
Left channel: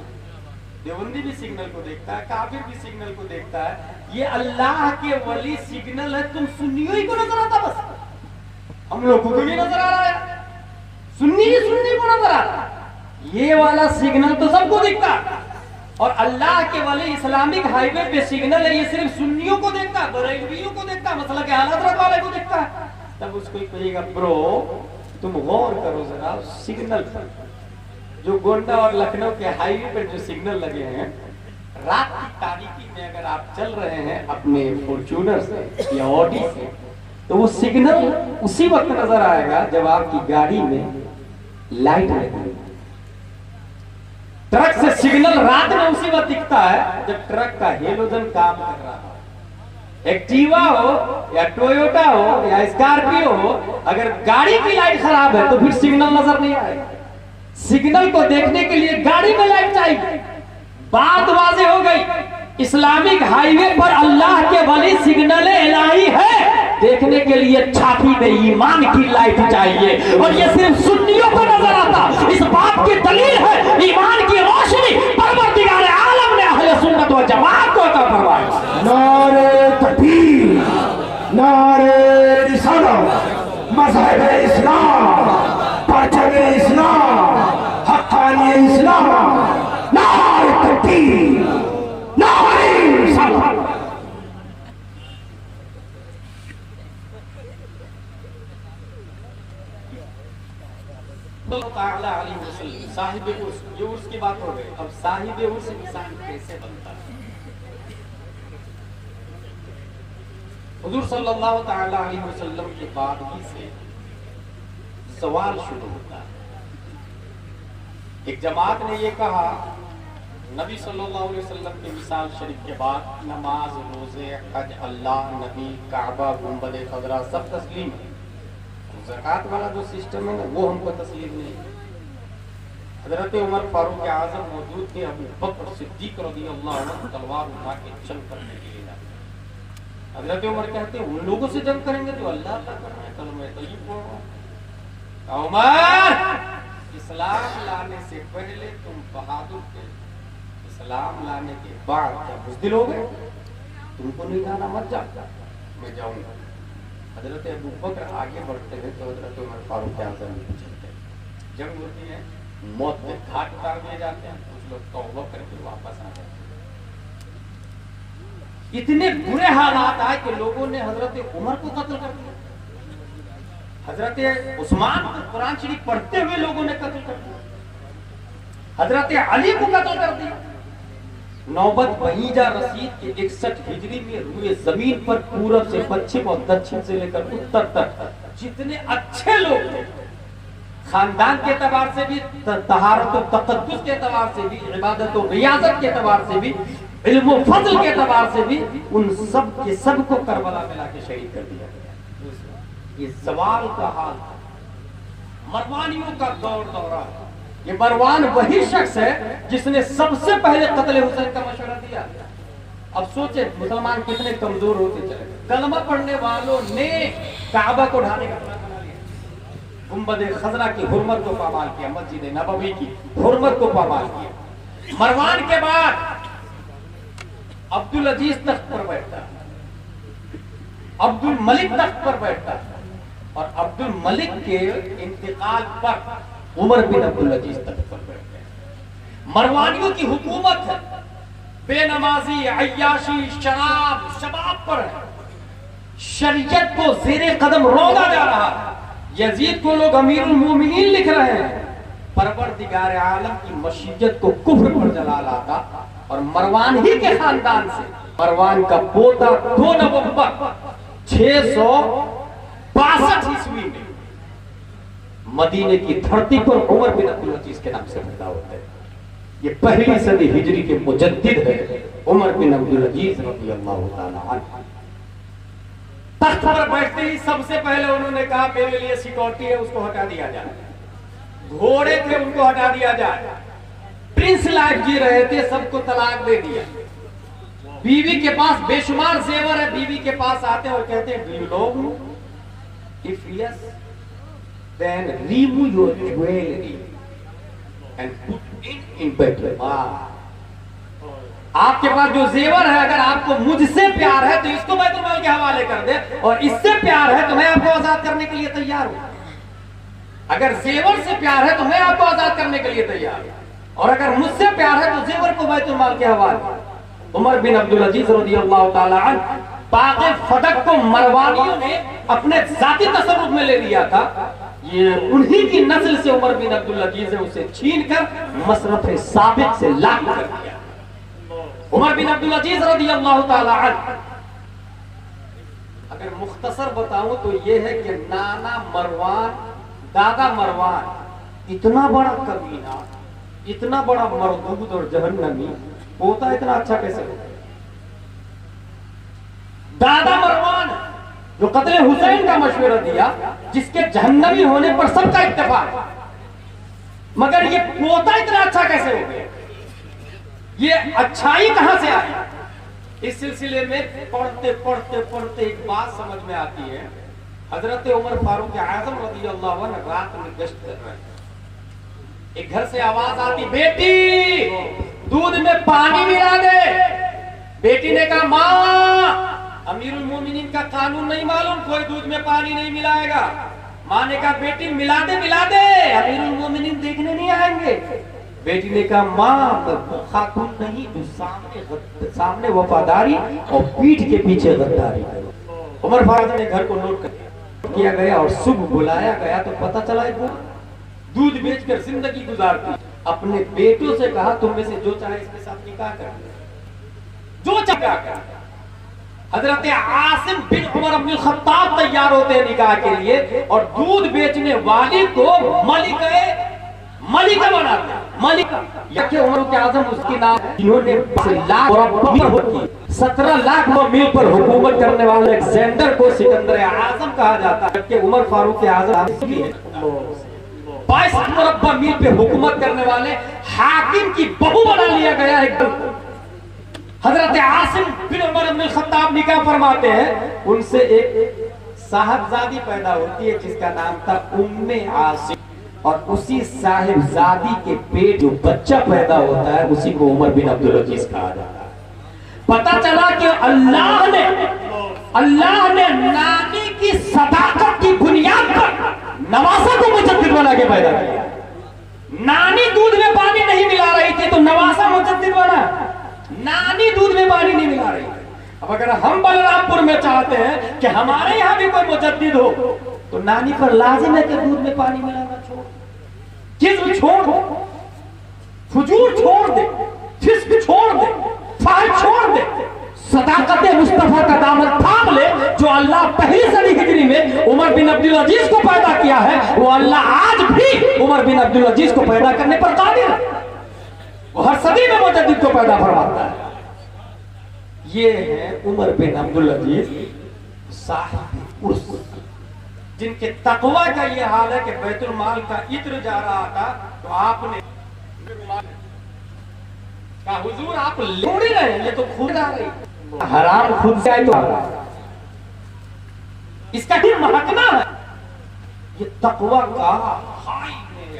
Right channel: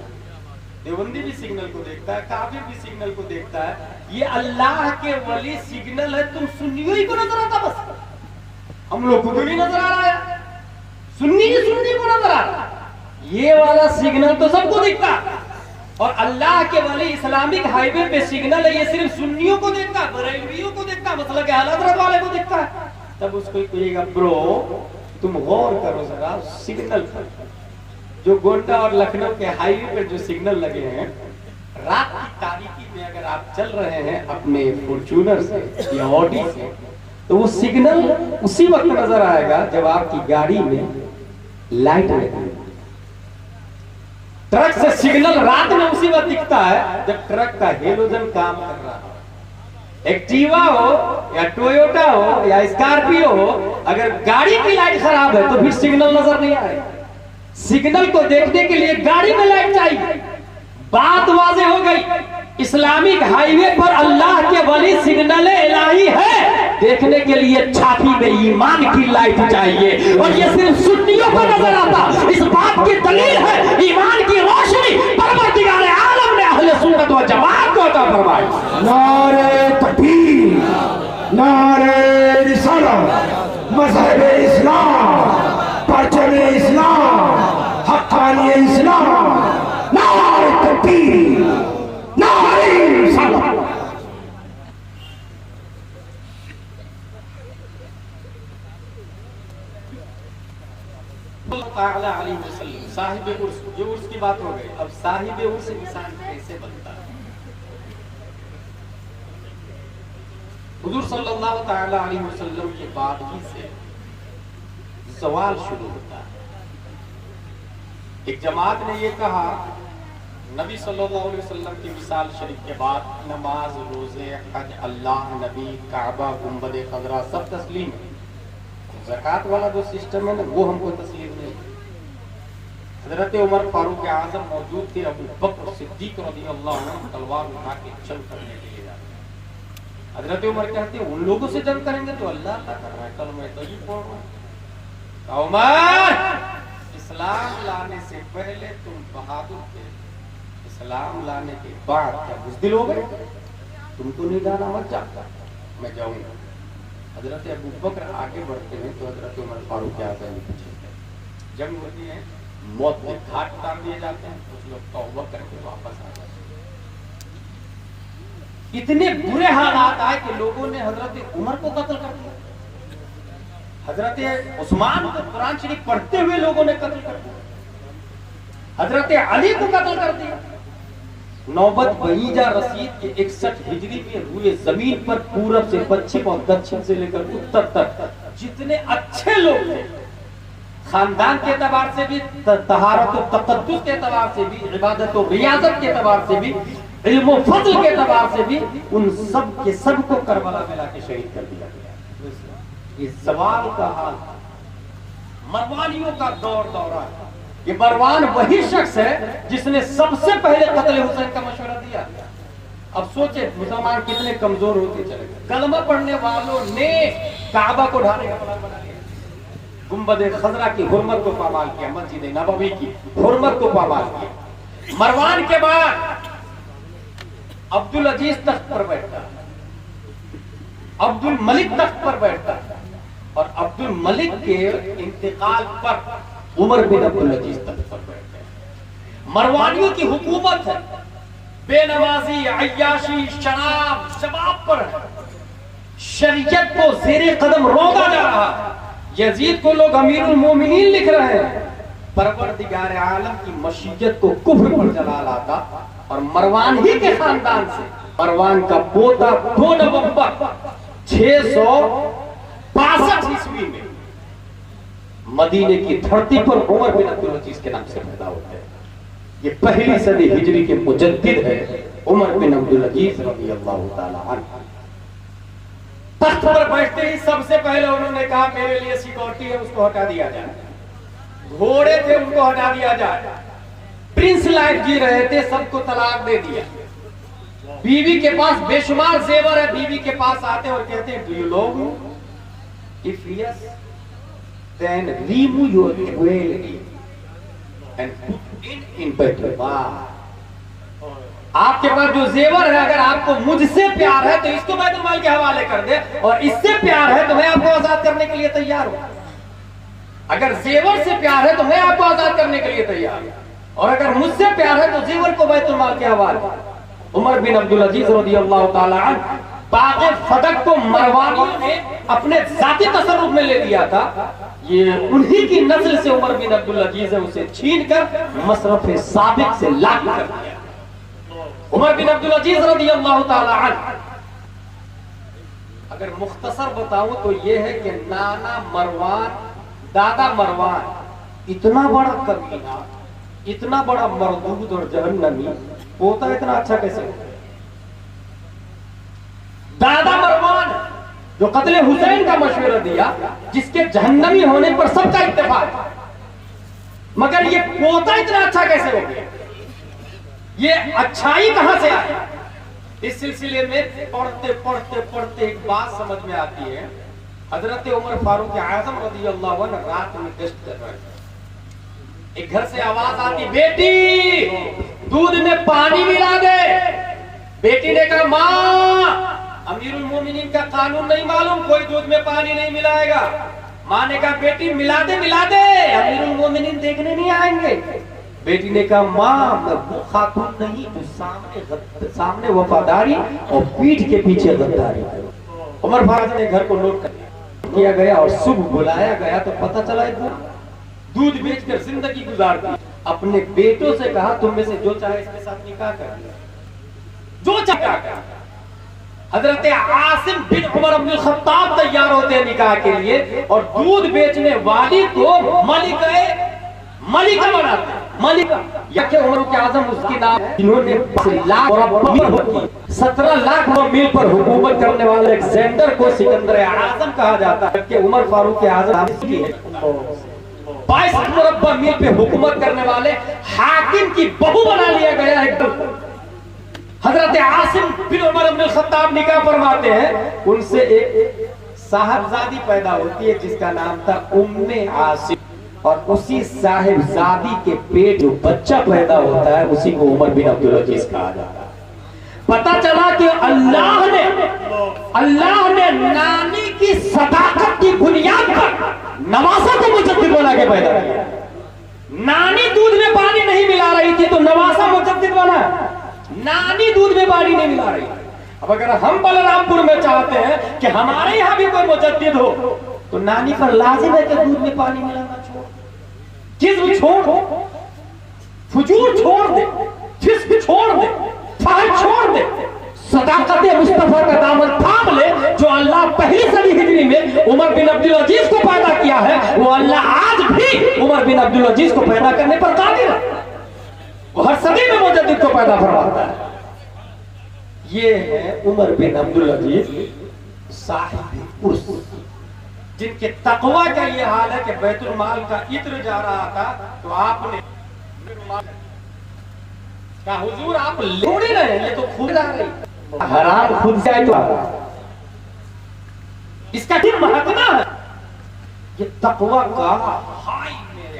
देवबंदी भी सिग्नल को देखता है, काफिर भी सिग्नल को देखता है। ये अल्लाह के वली सिग्नल है, तुम सुन्नियों ही को नजर आता, बस हम लोग को तो नहीं नजर आ रहा है, सुन्नी ही सुन्नी को नजर आ रहा। ये वाला सिग्नल तो सबको दिखता है और अल्लाह के वली इस्लामिक हाईवे पे सिग्नल है, ये सिर्फ सुन्नियों को देखता है, बरेलवियों को देखता है, मसला के हालत वाले को देखता है। तब उसको कहेगा ब्रो तुम गौर करो जरा सिग्नल पर, जो गोंडा और लखनऊ के हाईवे पर जो सिग्नल लगे हैं, रात की तारीकी में अगर आप चल रहे हैं अपने फॉर्च्यूनर से या ऑडी से, तो वो सिग्नल उसी वक्त नजर आएगा जब आपकी गाड़ी में लाइट लगी। ट्रक से सिग्नल रात में उसी वक्त दिखता है जब ट्रक का हेलोजन काम कर रहा हो। एक्टिवा हो या टोयोटा हो या स्कॉर्पियो हो, अगर गाड़ी की लाइट खराब है तो फिर सिग्नल नजर नहीं आएगा। सिग्नल को देखने के लिए गाड़ी में लाइट चाहिए। बात वाज़ेह हो गई, इस्लामिक हाईवे पर अल्लाह के वली सिग्नल इलाही है, देखने के लिए छाती में ईमान की लाइट चाहिए और ये सिर्फ सुन्नियों को नजर आता। इस बात की दलील है ईमान की रोशनी परवरदिगार आलम ने अहले सुन्नत व जमात को अता फरमाई। नारे तकबीर, नारे रिसालत, मज़हब इस्लाम, परचम इस्लाम, हक्कानी इस्लाम, नारे तकबीर, नारे रिसालत। साहिब उर्स, ये उर्स की बात हो गई। अब साहिब उर्स इंसान कैसे बनता है? हुजूर सल्लल्लाहु तआला अलैहि वसल्लम के बाद ही से सवाल शुरू होता है। एक जमात ने ये कहा नबी सल्लल्लाहु अलैहि वसल्लम की मिसाल शरीफ के बाद नमाज, रोजे, हज, अल्लाह, नबी, काबा, गुंबद खजरा सब तस्लीम है, ज़कात वाला जो सिस्टम है ना वो हमको तस्लीम नहीं। हजरत उमर फारूक आजम मौजूद थे, अबू बकर सिद्दीक रज़ियल्लाहु अन्हु तलवार उठा के जंग करने के लिए जाते। हजरत उमर कहते हैं उन लोगों से जंग करेंगे तो अल्लाह क्या कर रहा है, चलो मैं तो ये बोल रहा हूँ। उमर इस्लाम लाने से पहले तुम बहादुर थे, इस्लाम लाने के बाद क्या बुज़दिल हो गए? तुमको नहीं जाना, मत जाओ, मैं जाऊंगा। हजरत अबू बकर आगे बढ़ते हैं तो हजरत उमर फारूक आज़म पीछे। जंग होती है, मौत में घाट उतार दिए जाते हैं, कुछ लोग तौबा करके वापस आ जाते हैं। इतने बुरे हालात आए कि लोगों ने हजरत उमर को कत्ल कर दिया, हजरत उस्मान को कुरान शरीफ पढ़ते हुए लोगों ने कत्ल कर दिया, हजरत अली को कत्ल कर दिया। नौबत बहीजा रसीद के 61 हिजरी में हुए जमीन पर पूरब से पश्चिम और दक्षिण से लेकर उत्तर तक जितने अच्छे लोग थे, खानदान के एतबार से भी, तहारत और तकद्दुस के एतबार से भी, इबादत और रियाजत के एतबार से भी, इल्म और फज़ल के एतबार से भी, उन सब के सब को करबला में लाके शहीद कर दिया गया। ये सवाल का हाल मरवानियों का दौरा है। ये मरवान वही शख्स है जिसने सबसे पहले कत्ल हुसैन का मशवरा दिया। अब सोचे मुसलमान कितने कमजोर होते चले। कलमा पढ़ने वालों ने काबा को ढाने का प्लान बना लिया, गुंबद खजरा की हुर्मत को पामाल किया, मस्जिद नबवी की हुर्मत को पामाल किया। मरवान के बाद अब्दुल अजीज तख्त पर बैठता, अब्दुल मलिक तख्त पर बैठता और अब्दुल मलिक के इंतकाल पर उमर बिन अब्दुल अजीज तख्त पर बैठे। मरवानियों की हुकूमत है, बेनमाजी, अय्याशी, शराब, शबाब पर है। शरीयत को ज़ेरे कदम रौंदा जा रहा है। यजीद को लोग अमीरुल मोमिनीन लिख रहे हैं। परवरदिगार आलम की मशीयत को कुफ्र पर जला लाता और मरवान ही के खानदान से मरवान का पोता 2 नवंबर 662 ईस्वी में मदीने की धरती पर उमर बिन अब्दुल अजीज के नाम से पैदा होते हैं। ये पहली सदी हिजरी के मुजद्दिद है उमर बिन अब्दुल अजीज रज़ी अल्लाह ताला अन्हु। तख्त पर बैठते ही सबसे पहले उन्होंने कहा मेरे लिए सिक्योरिटी है, उसको हटा दिया जाए। घोड़े थे उनको हटा दिया जाए। प्रिंस लाइफ जी रहे थे, सबको तलाक दे दिया। बीवी के पास बेशुमार जेवर है, बीवी के पास आते और कहते हैं do you love me? If yes then remove your jewellery and put it in battle. आपके पास जो जेवर है, अगर आपको मुझसे प्यार है तो इसको बैतुल माल के हवाले कर दे, और इससे प्यार है तो मैं आपको आजाद करने के लिए तैयार हूं। अगर जेवर से प्यार है तो मैं आपको आजाद करने के लिए तैयार हूं, और अगर मुझसे प्यार है तो जेवर को बैतुल माल के हवाले। उमर बिन अब्दुल अजीज रज़ियल्लाहु ताला अन्हु पाके फदक को मरवानियों ने अपने जाती तसर्रुफ में ले लिया था। ये उन्हीं की नस्ल से उमर बिन अब्दुल अजीज है, उसे छीनकर मसरफ साबिक से लाग कर दिया। उमर बिन अब्दुल अजीज रज़ियल्लाहु ताला अन्हु, अगर मुख्तसर बताऊं तो ये है कि नाना मरवान, दादा मरवान इतना बड़ा कमीना, इतना बड़ा मरदूद और जहन्नमी, पोता इतना अच्छा कैसे? दादा मरवान जो कत्ले हुसैन का मशवरा दिया, जिसके जहन्नमी होने पर सबका इत्तेफाक, मगर ये पोता इतना अच्छा कैसे हो गया? ये अच्छाई कहां से आई? इस सिलसिले में पढ़ते पढ़ते पढ़ते एक बात समझ में आती है। हजरत उमर फारूक आजम रज़ियल्लाहु अन्हु रात में गश्त कर रहे हैं। एक घर से आवाज आती, बेटी दूध में पानी मिला दे। बेटी ने कहा माँ, अमीरुल मोमिनीन का कानून नहीं मालूम, कोई दूध में पानी नहीं मिलाएगा। माँ ने कहा बेटी मिला दे, अमीरुल मोमिनीन देखने नहीं आएंगे। बेटी ने कहा माँ, मैं खातून नहीं, तो सामने वफादारी और पीठ के पीछे गद्दारी। उमर फारूक ने घर को नोट कर किया गया और सुबह बुलाया गया तो पता चला दूध बेचकर जिंदगी गुजारती। अपने बेटों से कहा तुम में से जो चाहे इसके साथ निकाह कर ले, जो चाहे। हजरत आसिम बिन उमर अब्दुल खत्ताब तैयार होते हैं निकाह के लिए, और दूध बेचने वाली को मलिका बनाते हैं। मलिका यके उमर के आजम उसकी नाम, जिन्होंने 17 लाख मील पर हुकूमत करने वाले अलेक्जेंडर को सिकंदर आजम कहा जाता है, जबकि उमर फारूक आजम की 22 मुरब्बा मील पे हुकूमत करने वाले हाकिम की बहू बना लिया गया है। हजरत आसिम बिन उमर अब्दुल खत्ताब निकाह फरमाते हैं, उनसे एक साहबजादी पैदा होती है जिसका नाम था उम्मे आसिम, और उसी साहिबजादी के पेट जो बच्चा पैदा होता है उसी को उमर बिन अब्दुल अजीज कहा जाता है। पता चला कि अल्लाह ने नानी की सदाकत की बुनियाद पर नवासा को मुजद्दिद बना के पैदा किया। नानी दूध में पानी नहीं मिला रही थी तो नवासा मुजद्दिद बना। नानी दूध में पानी नहीं मिला रही। अब अगर हम बलरामपुर में चाहते हैं कि हमारे यहाँ भी कोई मुजद्दिद हो, तो नानी पर लाजिम है कि दूध में पानी मिलाना छोड़, जिस्म छोड़, फुजूर छोड़ दे, फिस्क छोड़ दे, फाहिश छोड़ दे, सदाकत मुस्तफा का दामन थाम ले। जो अल्लाह पहली सदी हिजरी में उमर बिन अब्दुल अजीज को पैदा किया है, वो अल्लाह आज भी उमर बिन अब्दुल अजीज को पैदा करने पर कादिर है। वो हर सदी में मुजद्दिद को पैदा फरमाता है। ये है उमर बिन अब्दुल अजीज साहिब उर्स, जिनके तकवा का ये हाल है कि बैतुल माल का इत्र जा रहा था तो आपने कहा हुजूर आप ले नहीं रहे, ये तो खुद आ गई, हराम खुद से आई। इसका क्या महत्व है? ये तकवा का हाई मेरे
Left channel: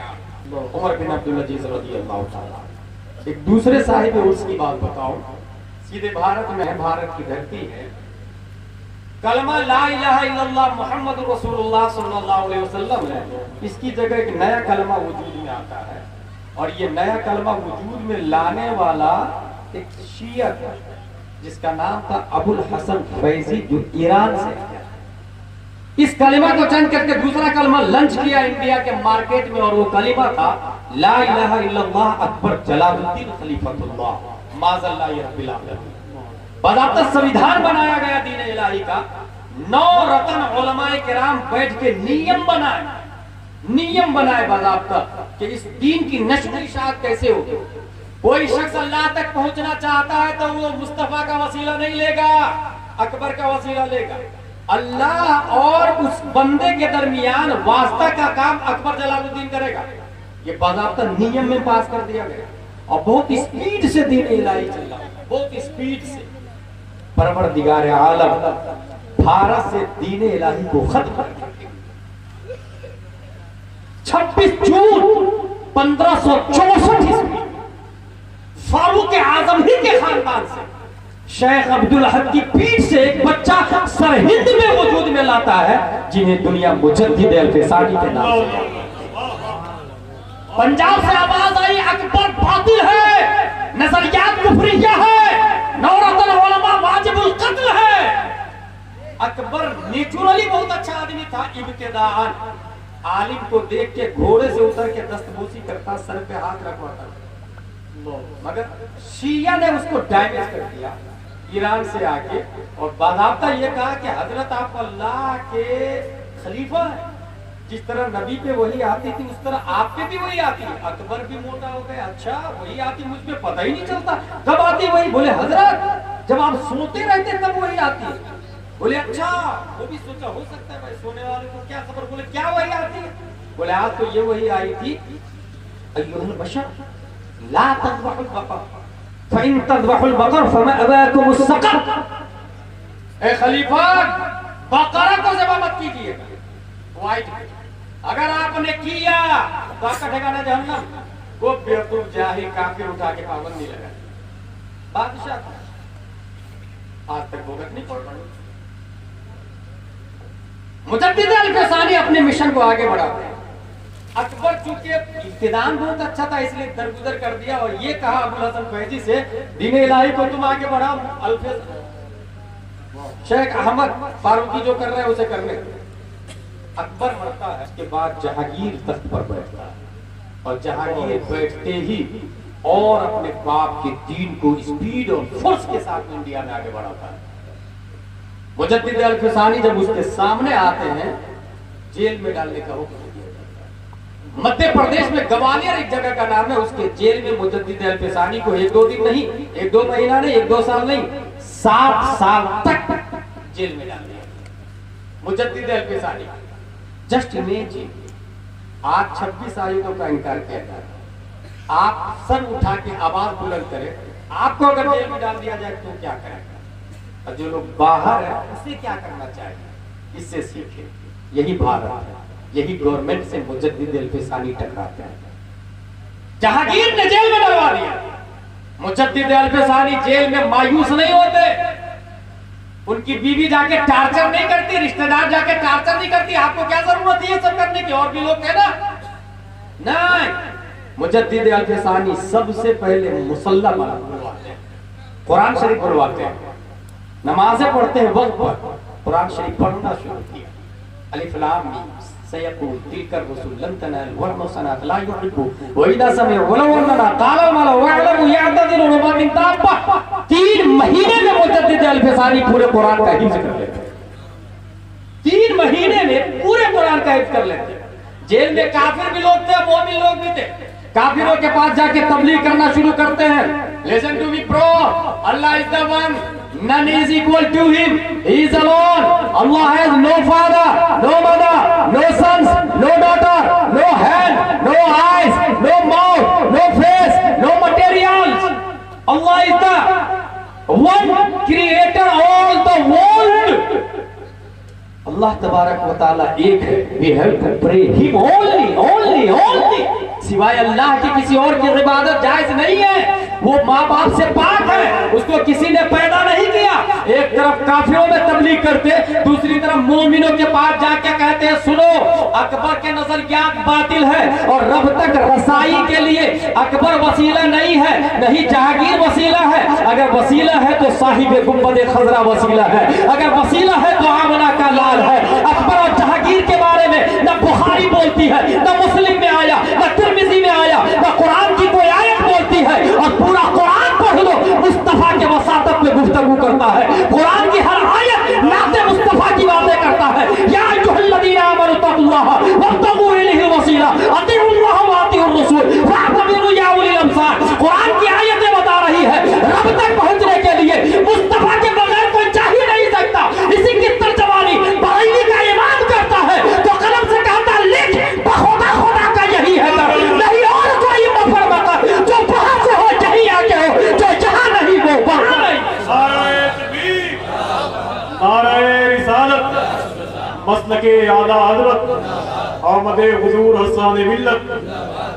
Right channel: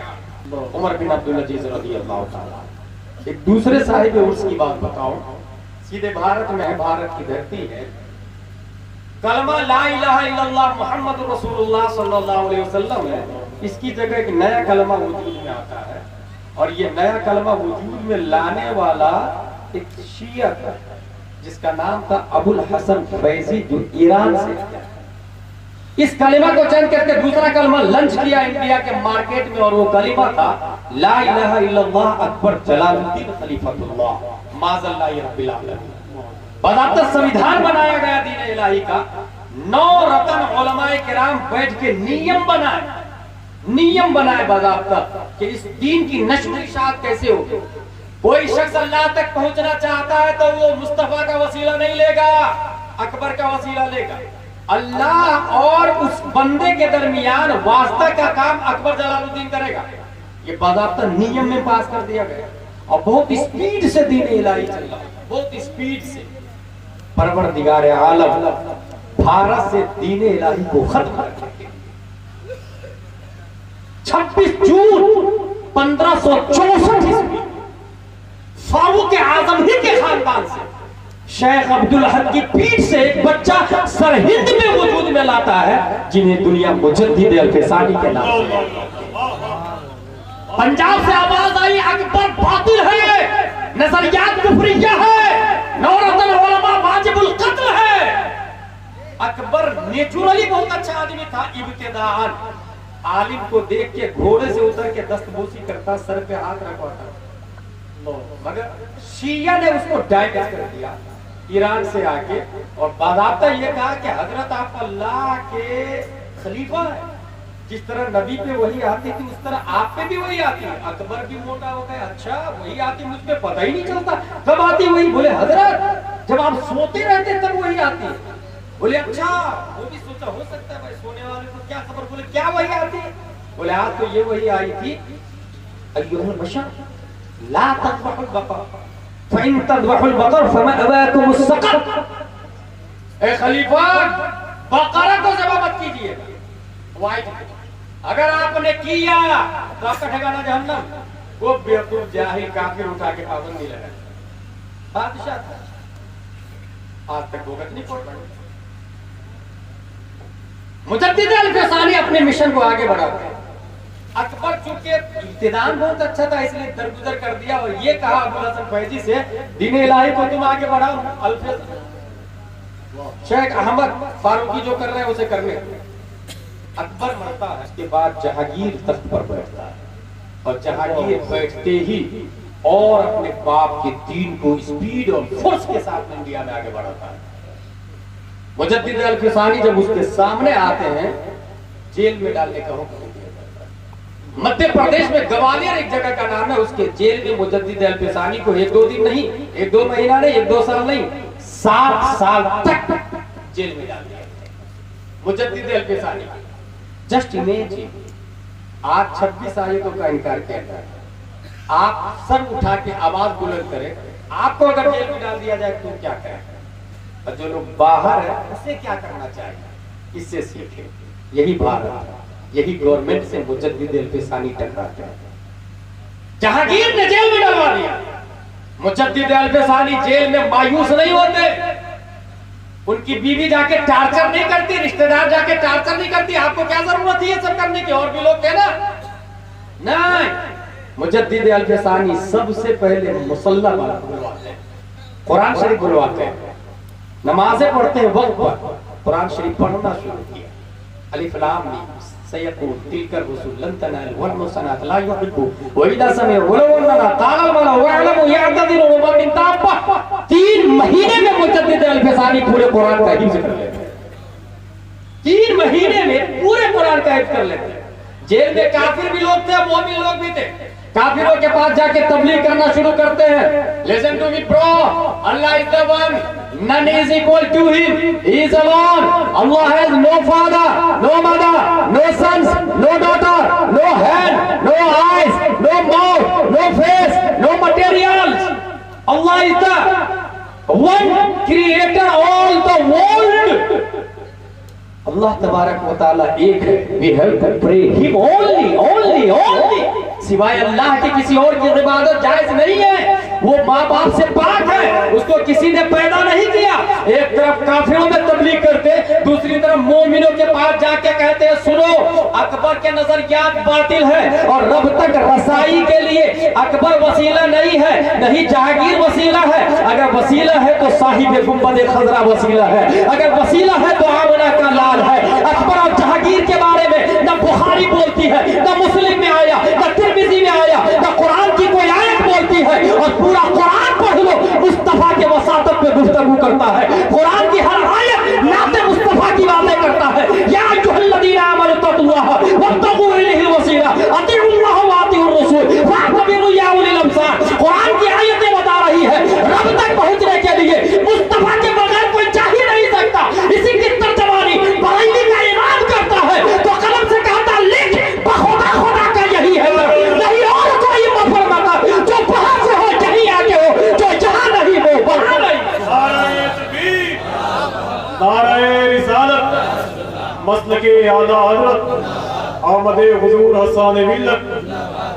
उमर बिन अब्दुल अजीज रज़ियल्लाहु ताला। एक दूसरे साहिब उर्स की बात बताओ। सीधे भारत में है, भारत की धरती है। कलमा ला इलाहा इल्लल्लाह मुहम्मदुर रसूलुल्लाह सल्लल्लाहु अलैहि वसल्लम है। इसकी जगह एक नया कलमा वजूद में आता है, और ये नया कलमा वजूद में लाने वाला एक शिया था जिसका नाम था अबुल हसन फैजी, जो ईरान से है। इस कलिमा को चेंज करके दूसरा कलमा लॉन्च किया इंडिया के मार्केट में, और वो कलिमा था ला इलाहा इल्लल्लाह अकबर जलालुद्दीन खलीफतुल्लाह माज़ल्लाहि रब्बिल आलमीन। बाज़ाब्ता संविधान बनाया गया दीन इलाही का। 9 रतन उलमाए किराम बैठ के नियम बनाए बाज़ाब्ता कि इस दीन की नश्र इशाअत कैसे हो। कोई शख्स अल्लाह तक पहुंचना चाहता है तो वो मुस्तफा का वसीला नहीं लेगा, अकबर का वसीला लेगा। अल्लाह और उस बंदे के दरमियान वास्ता का काम अकबर जलालुद्दीन करेगा। ये बाज़ाब्ता नियम में पास कर दिया गया और बहुत स्पीड से दीन इलाही चल रहा है, बहुत स्पीड से। परवरदिगार आलम भारत से दीन इलाही को खत्म कर दिया। 26 जून 1564 ईस्वी फारूक आजम ही के खानदान से शेख अब्दुल अहद की पीठ से एक बच्चा सरहिंद में वजूद में लाता है, जिन्हें दुनिया मुजद्दिद अल-फिसानी के नाम से। पंजाब से आवाज आई अकबर बातिल है, नजरियात कुफरिया है, नौरतन उलमा वाजिबुल कत्ल है। अकबर नेचुरली बहुत अच्छा आदमी था। इब्तिदाअन आलिम को देख के घोड़े से उतर के दस्तबूसी करता, सर पे हाथ रखवाता, मगर शिया ने उसको डैमेज कर दिया ईरान से आके। और बाज़ाब्ता ये कहा कि हजरत आप अल्लाह के खलीफा है, जिस तरह नबी पे वही आती थी उस तरह आप पे भी वही आती है। अकबर भी मोटा हो गए, अच्छा वही आती, मुझ पे पता ही नहीं चलता कब आती वही। बोले हजरत जब आप सोते रहते तब वही आती है। बोले अच्छा, वो भी सोचा हो सकता है भाई सोने वाले को क्या खबर। बोले क्या वही आती है? बोले आज तो ये वही आई थी, अय्युहल बशर ला तज़बहुल बकर फ़इन तज़बहुल बकर फमा अबाकुमुस सकत। ए खलीफा, बकरा को ज़बह मत कीजिए, वाइट। अगर आपने किया तो आपका ठिकाना जहन्नम। वो बेवकूफ जाहिल काफिर उठा के पाबंदी लगा। बादशाह आज तक भुगत नहीं पड़ रहा। मुजद्दिद अल-फिसानी अपने मिशन को आगे बढ़ाते हैं। अकबर चूंकि इब्तिदान बहुत अच्छा था इसलिए दरगुजर कर दिया और ये कहा अबुल हसन फैजी से, दीन इलाही को तुम आगे बढ़ाओ, शेख अहमद फारूकी जो कर रहे हैं उसे करने। अकबर मरता है, उसके बाद जहांगीर तख्त पर बैठता है और जहांगीर बैठते ही और अपने बाप के दीन को स्पीड और फोर्स के साथ इंडिया में आगे बढ़ाता है। मुजद्दिद अल-फिसानी जब उसके सामने आते हैं, जेल में डालने का हुक्म दिया जाता है। मध्य प्रदेश में ग्वालियर एक जगह का नाम है, उसके जेल में मुजद्दिद अल-फिसानी को 1-2 दिन नहीं, 1-2 महीना नहीं, 1-2 साल नहीं, 7 साल तक जेल में डाल दिया मुजद्दिद अल-फिसानी। जस्ट इमेजिन, आज 26 आयतों का इनकार किया जाए, आप सर उठा के आवाज बुलंद करें, आपको अगर जेल में डाल दिया जाए तो क्या करें? और जो लोग बाहर है उसे क्या करना चाहिए? इससे सीखे। यही भारत है, यही गवर्नमेंट से मुजद्दिद अल-फिसानी टकराते हैं। जहांगीर ने जेल में डलवा दिया, मुजद्दिद अल-फिसानी जेल में मायूस नहीं होते। उनकी बीवी जाके टार्चर नहीं करती, रिश्तेदार जाके टार्चर नहीं करती। आपको क्या जरूरत है ये सब करने की? और भी लोग थे ना। नहीं, मुजद्दिद अल-फिसानी सबसे पहले मुसल्ला बुलवाते हैं, कुरान शरीफ बुलवाते हैं, नमाजें पढ़ते हैं वक्त पर कुरान शरीफ पढ़ना शुरू किया। अलिफ लाम मीम सयकून तिलकर रसूल लन तनाल वल सनात ला युहिब्बु व इदा समिअ वलौ अन्ना काल माल व अलम यातदिरु मा मिन ताबा। 3 महीने में मुजद्दिद अल-फिसानी पूरे कुरान का हिफ्ज कर लेते हैं। 3 महीने में पूरे कुरान का हिफ्ज कर लेते हैं। जेल में काफिर भी लोग थे, मोमिन लोग भी थे। काफिरों के पास जाके तबलीग करना शुरू करते हैं। Listen to me bro, Allah is the one, none is equal to him, he is alone. Allah has no father, no mother, no sons, no daughter, no hand, no eyes, no mouth, no face, no materials. Allah is the one creator all the world. Allah तबारक व तआला एक है। We have to pray him only, only, only. सिवाय अल्लाह के किसी और की इबादत जायज नहीं है। वो माँ बाप से पाक है, उसको किसी ने पैदा नहीं किया। एक तरफ काफिरों में तबलीग करते, दूसरी तरफ मोमिनों के पास जाके कहते हैं सुनो, अकबर के नजरियात बातिल है और रब तक रसाई के लिए अकबर वसीला नहीं है, नहीं जहांगीर वसीला है। अगर वसीला है तो साहिब गुंबद खजरा वसीला है, अगर वसीला है तो आमना का लाल है। अकबर और जहांगीर के बारे में न बुखारी बोलती है, न मुस्लिम में आया, न तिरमिजी में आया, न कुरान की कोई आयत बोलती है। और पूरा कुरान पढ़ लो, मुस्तफा के वसातत पे गुफ्तगू करता है। कुरान की हर आयत नाते मुस्तफा की बातें करता है। या अय्युहल्लज़ीना आमनू तक़ुल्लाह वब्तगू इलैहि वसीला अतीउल्लाह व अतीउर रसूल फअतबिरू या उलिल अब्सार। कुरान की मसलके आला हजरत आमद हुजूर हसन मिल्लत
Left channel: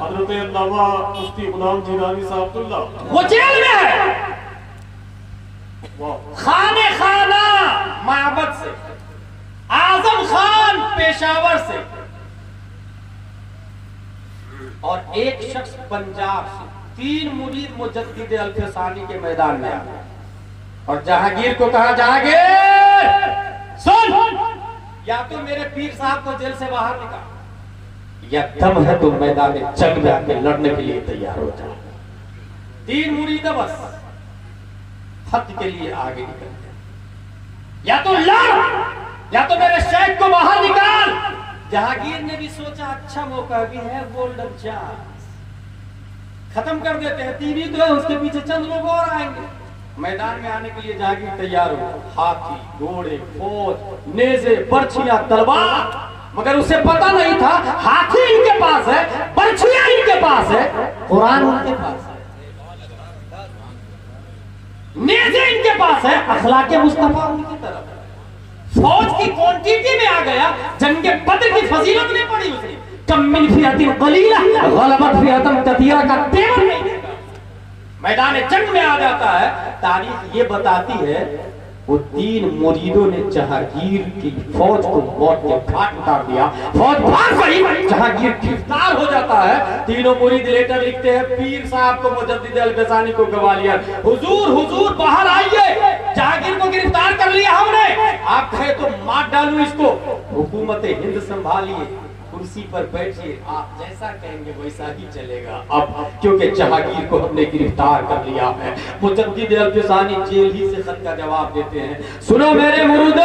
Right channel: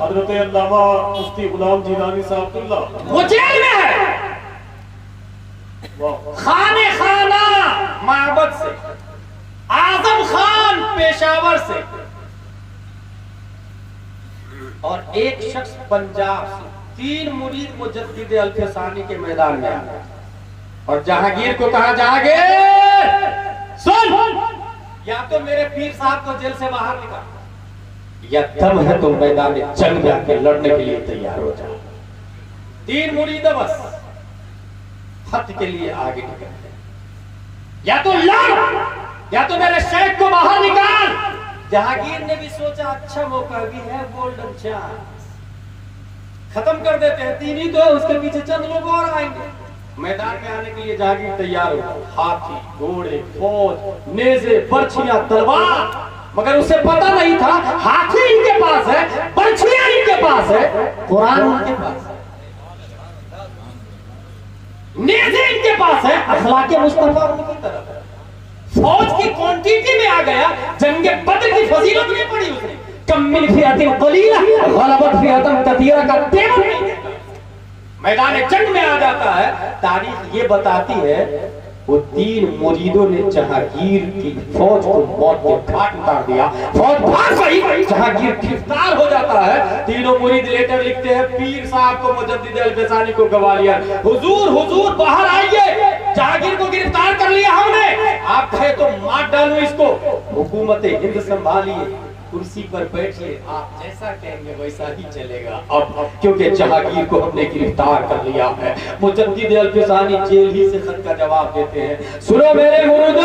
हजरत अल्लामा मुफ्ती गुलाम जीलानी साहबुल्लाह वो जेल में है, वाह खाने खाना माबद से, आजम खान पेशावर से, और एक शख्स पंजाब से, 3 मुरीद मुजद्दिद अल-फसानी के मैदान में आ गए और जहांगीर को कहा, जहांगीर सुन, या तो मेरे पीर साहब को जेल से बाहर निकाल, या दम है तो मैदान में जंग जाके लड़ने के लिए तैयार हो जाए। 3 मुरीद बस हद के लिए आगे निकल गए, या तो लड़ या तो मेरे शेख को बाहर निकाल। जहांगीर ने भी सोचा अच्छा मौका भी है, गोल्डन चांस, खत्म कर देते हैं, 3 ही तो है, उसके पीछे चंद लोग और आएंगे। मैदान में आने के लिए जहांगीर तैयार हो, हाथी घोड़े फौज नेज़े बर्छियां तलवार, मगर उसे पता नहीं था हाथी इनके पास है, बर्छियां इनके पास है, कुरान उनके पास है, नेज़े इनके पास है, अखलाके मुस्तफा उनकी तरफ है। फौज की क्वांटिटी में आ गया, जंगे बद्र की फजीलत नहीं पड़ी उसने, कम मिन फिअतिन कलीला गलबत फिअतन कसीरा का तेवर नहीं देखा, मैदान जंग में आ जाता है। तारीख ये बताती है वो 3 मुरीदों ने जहांगीर की फौज को मौत के घाट उतार दिया, फौज भाग गई, जहांगीर गिरफ्तार हो जाता है। 3 मुरीद लेटर लिखते हैं, पीर साहब को मुजद्दिद अल-फसानी को ग्वालियर, हुजूर हुजूर बाहर आइए, जहांगीर को गिरफ्तार कर लिया हमने, आप कहे तो मार डालूं इसको, हुकूमत हिंद संभालिए, कुर्सी पर बैठिए, आप जैसा कहेंगे वैसा ही चलेगा। अब क्योंकि जहांगीर को हमने गिरफ्तार कर लिया है, मुजद्दिद अल-फसानी जेल ही से खत का जवाब देते हैं, सुनो मेरे मुरीदो,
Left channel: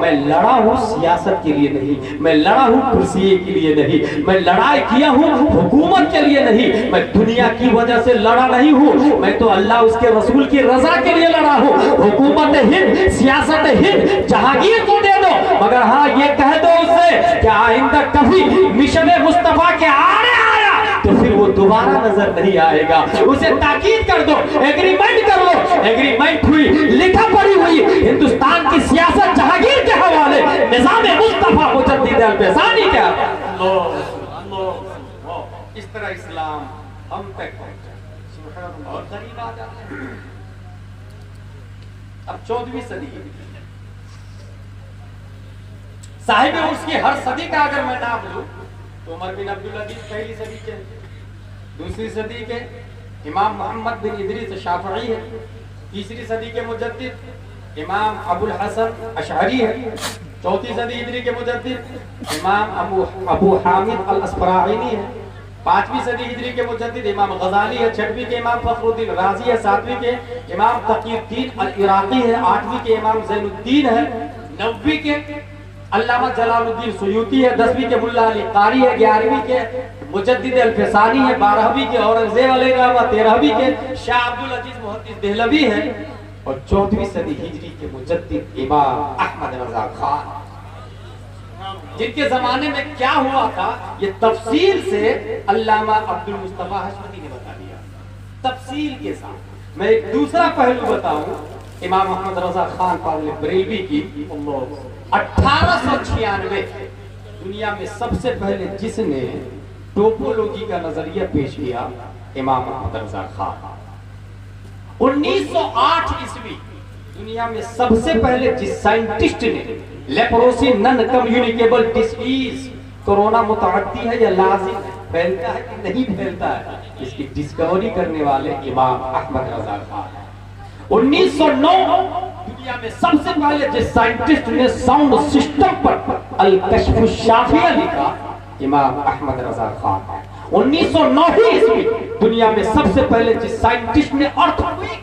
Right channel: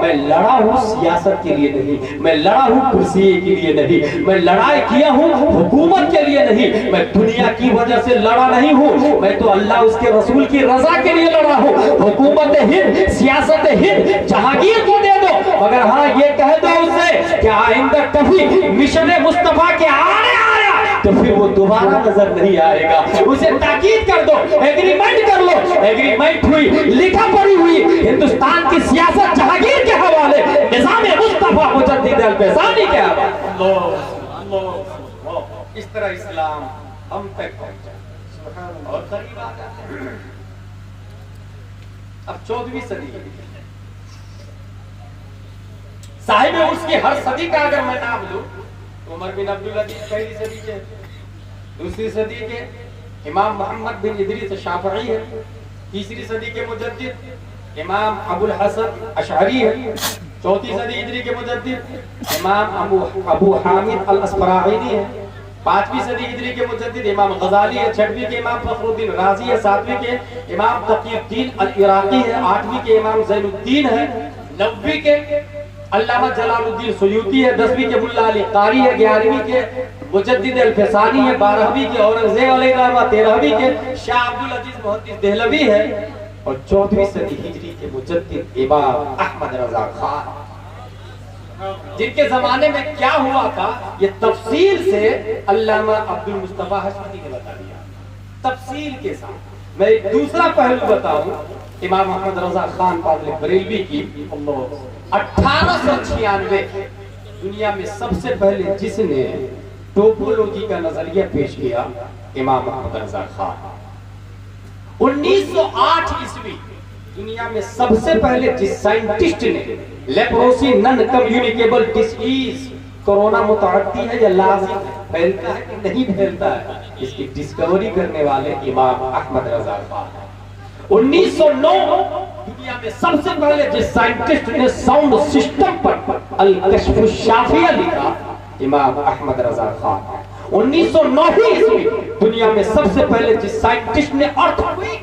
मैं लड़ा हूँ सियासत के लिए नहीं, मैं लड़ा हूँ कुर्सी के लिए नहीं, मैं लड़ाई किया हूँ हुकूमत के लिए नहीं, मैं दुनिया की वजह से लड़ा नहीं हूँ, मैं तो अल्लाह उसके रसूल की रजा के लिए लड़ा हूँ। हुकूमत हिंद सियासत हिंद जहांगीर को दे दो, मगर हाँ ये कह दो उससे कि आइंदा कभी मिशन मुस्तफा के आने आया तो फिर वो दोबारा नजर नहीं आएगा, उसे ताकीद कर दो, एग्रीमेंट कर लो। एग्रीमेंट हुई, लिखा पढ़ी हुई, हिंदुस्तान की सियासत जहांगीर के हवाले, निजाम मुस्तफा मुजद्दिद अल-फसानी के हवाले। इस तरह इस्लाम हम तक पहुंचा और करीब आ जाता है। अब 14वीं सदी साहिब उसकी हर सदी का अगर मैं नाम लूं तो उमर बिन अब्दुल अजीज पहली सदी के, दूसरी सदी के इमाम मोहम्मद बिन इदरीस शाफई है, तीसरी सदी के मुजद्दिद इमाम अबुल हसन अशअरी है, चौथी सदी हिजरी के मुजद्दिद इमाम अबू हामिद अल अस्फराइनी है, 5वीं सदी हिजरी के मुजद्दिद इमाम गजाली है, 6वीं के इमाम फखरुद्दीन राजी है, 7वीं के इमाम तकीउद्दीन अल इराकी है, 8वीं के इमाम ज़ैनुद्दीन है, 9वीं के अल्लामा जलालुद्दीन सुयूती है, 10वीं के मुल्ला अली कारी है, 11वीं के मुजद्दिद अल-फसानी है, 12वीं के औरंगजेब अलैहिर्रहमा, 13वीं के शाह अब्दुल अजीज मुहद्दिस देहलवी है, और 14वीं सदी हिजरी के मुजद्दिद इमाम अहमद रजा खान। जिनके जमाने में क्या हुआ था ये तफसील से अल्लामा अब्दुल मुस्तफा हशमती ने बता दिया, तफसील के साथ। मैं एक दूसरा पहलू बताऊं, इमाम अहमद रजा खान पावले बरेलवी की 1896 दुनिया में सबसे पहले जिसने टोपोलॉजी का नजरिया पेश किया, इमाम अहमद रजा खान। 1908 ईस्वी दुनिया में सबसे पहले जिस साइंटिस्ट ने leprosy non communicable disease, corona मुतअद्दी है या लाजिम फैलता है कि नहीं फैलता है, इसकी डिस्कवरी करने वाले इमाम अहमद रजा खान है। 1909 दुनिया में सबसे पहले जिस साइंटिस्ट ने साउंड सिस्टम पर अल-कश्फ शाफिया लिखा, इमाम अहमद रजा खान है। 1909 ईस्वी दुनिया में सबसे पहले जिस साइंटिस्ट ने अर्थक्वेक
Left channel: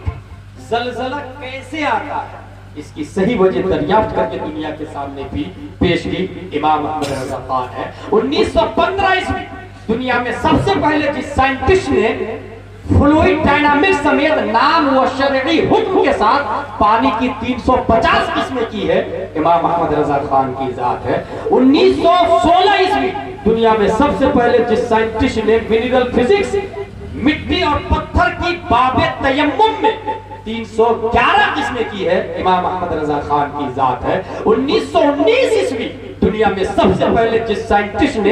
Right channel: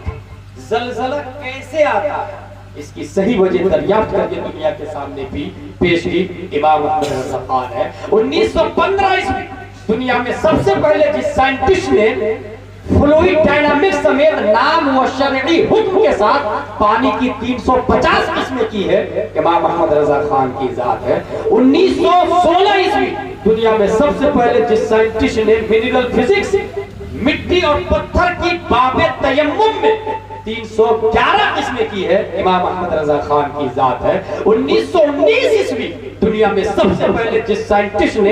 ज़लज़ला कैसे आता है इसकी सही वजह दरियाफ्त करके दुनिया के सामने भी पेश की, इमाम अहमद रजा खान है। 1915 ईस्वी दुनिया में सबसे पहले जिस साइंटिस्ट ने फ्लूइड डायनामिक्स समेत नाम व शरई हुक्म के साथ पानी की 350 किस्में की है, इमाम अहमद रजा खान की जात है। 1916 ईस्वी दुनिया में सबसे पहले जिस साइंटिस्ट ने मिनरल फिजिक्स मिट्टी और पत्थर की बाबे तयम्मुम में 311 किस्में की है, इमाम अहमद रजा खान की जात है। 1919 ईस्वी दुनिया में सबसे पहले जिस साइंटिस्ट ने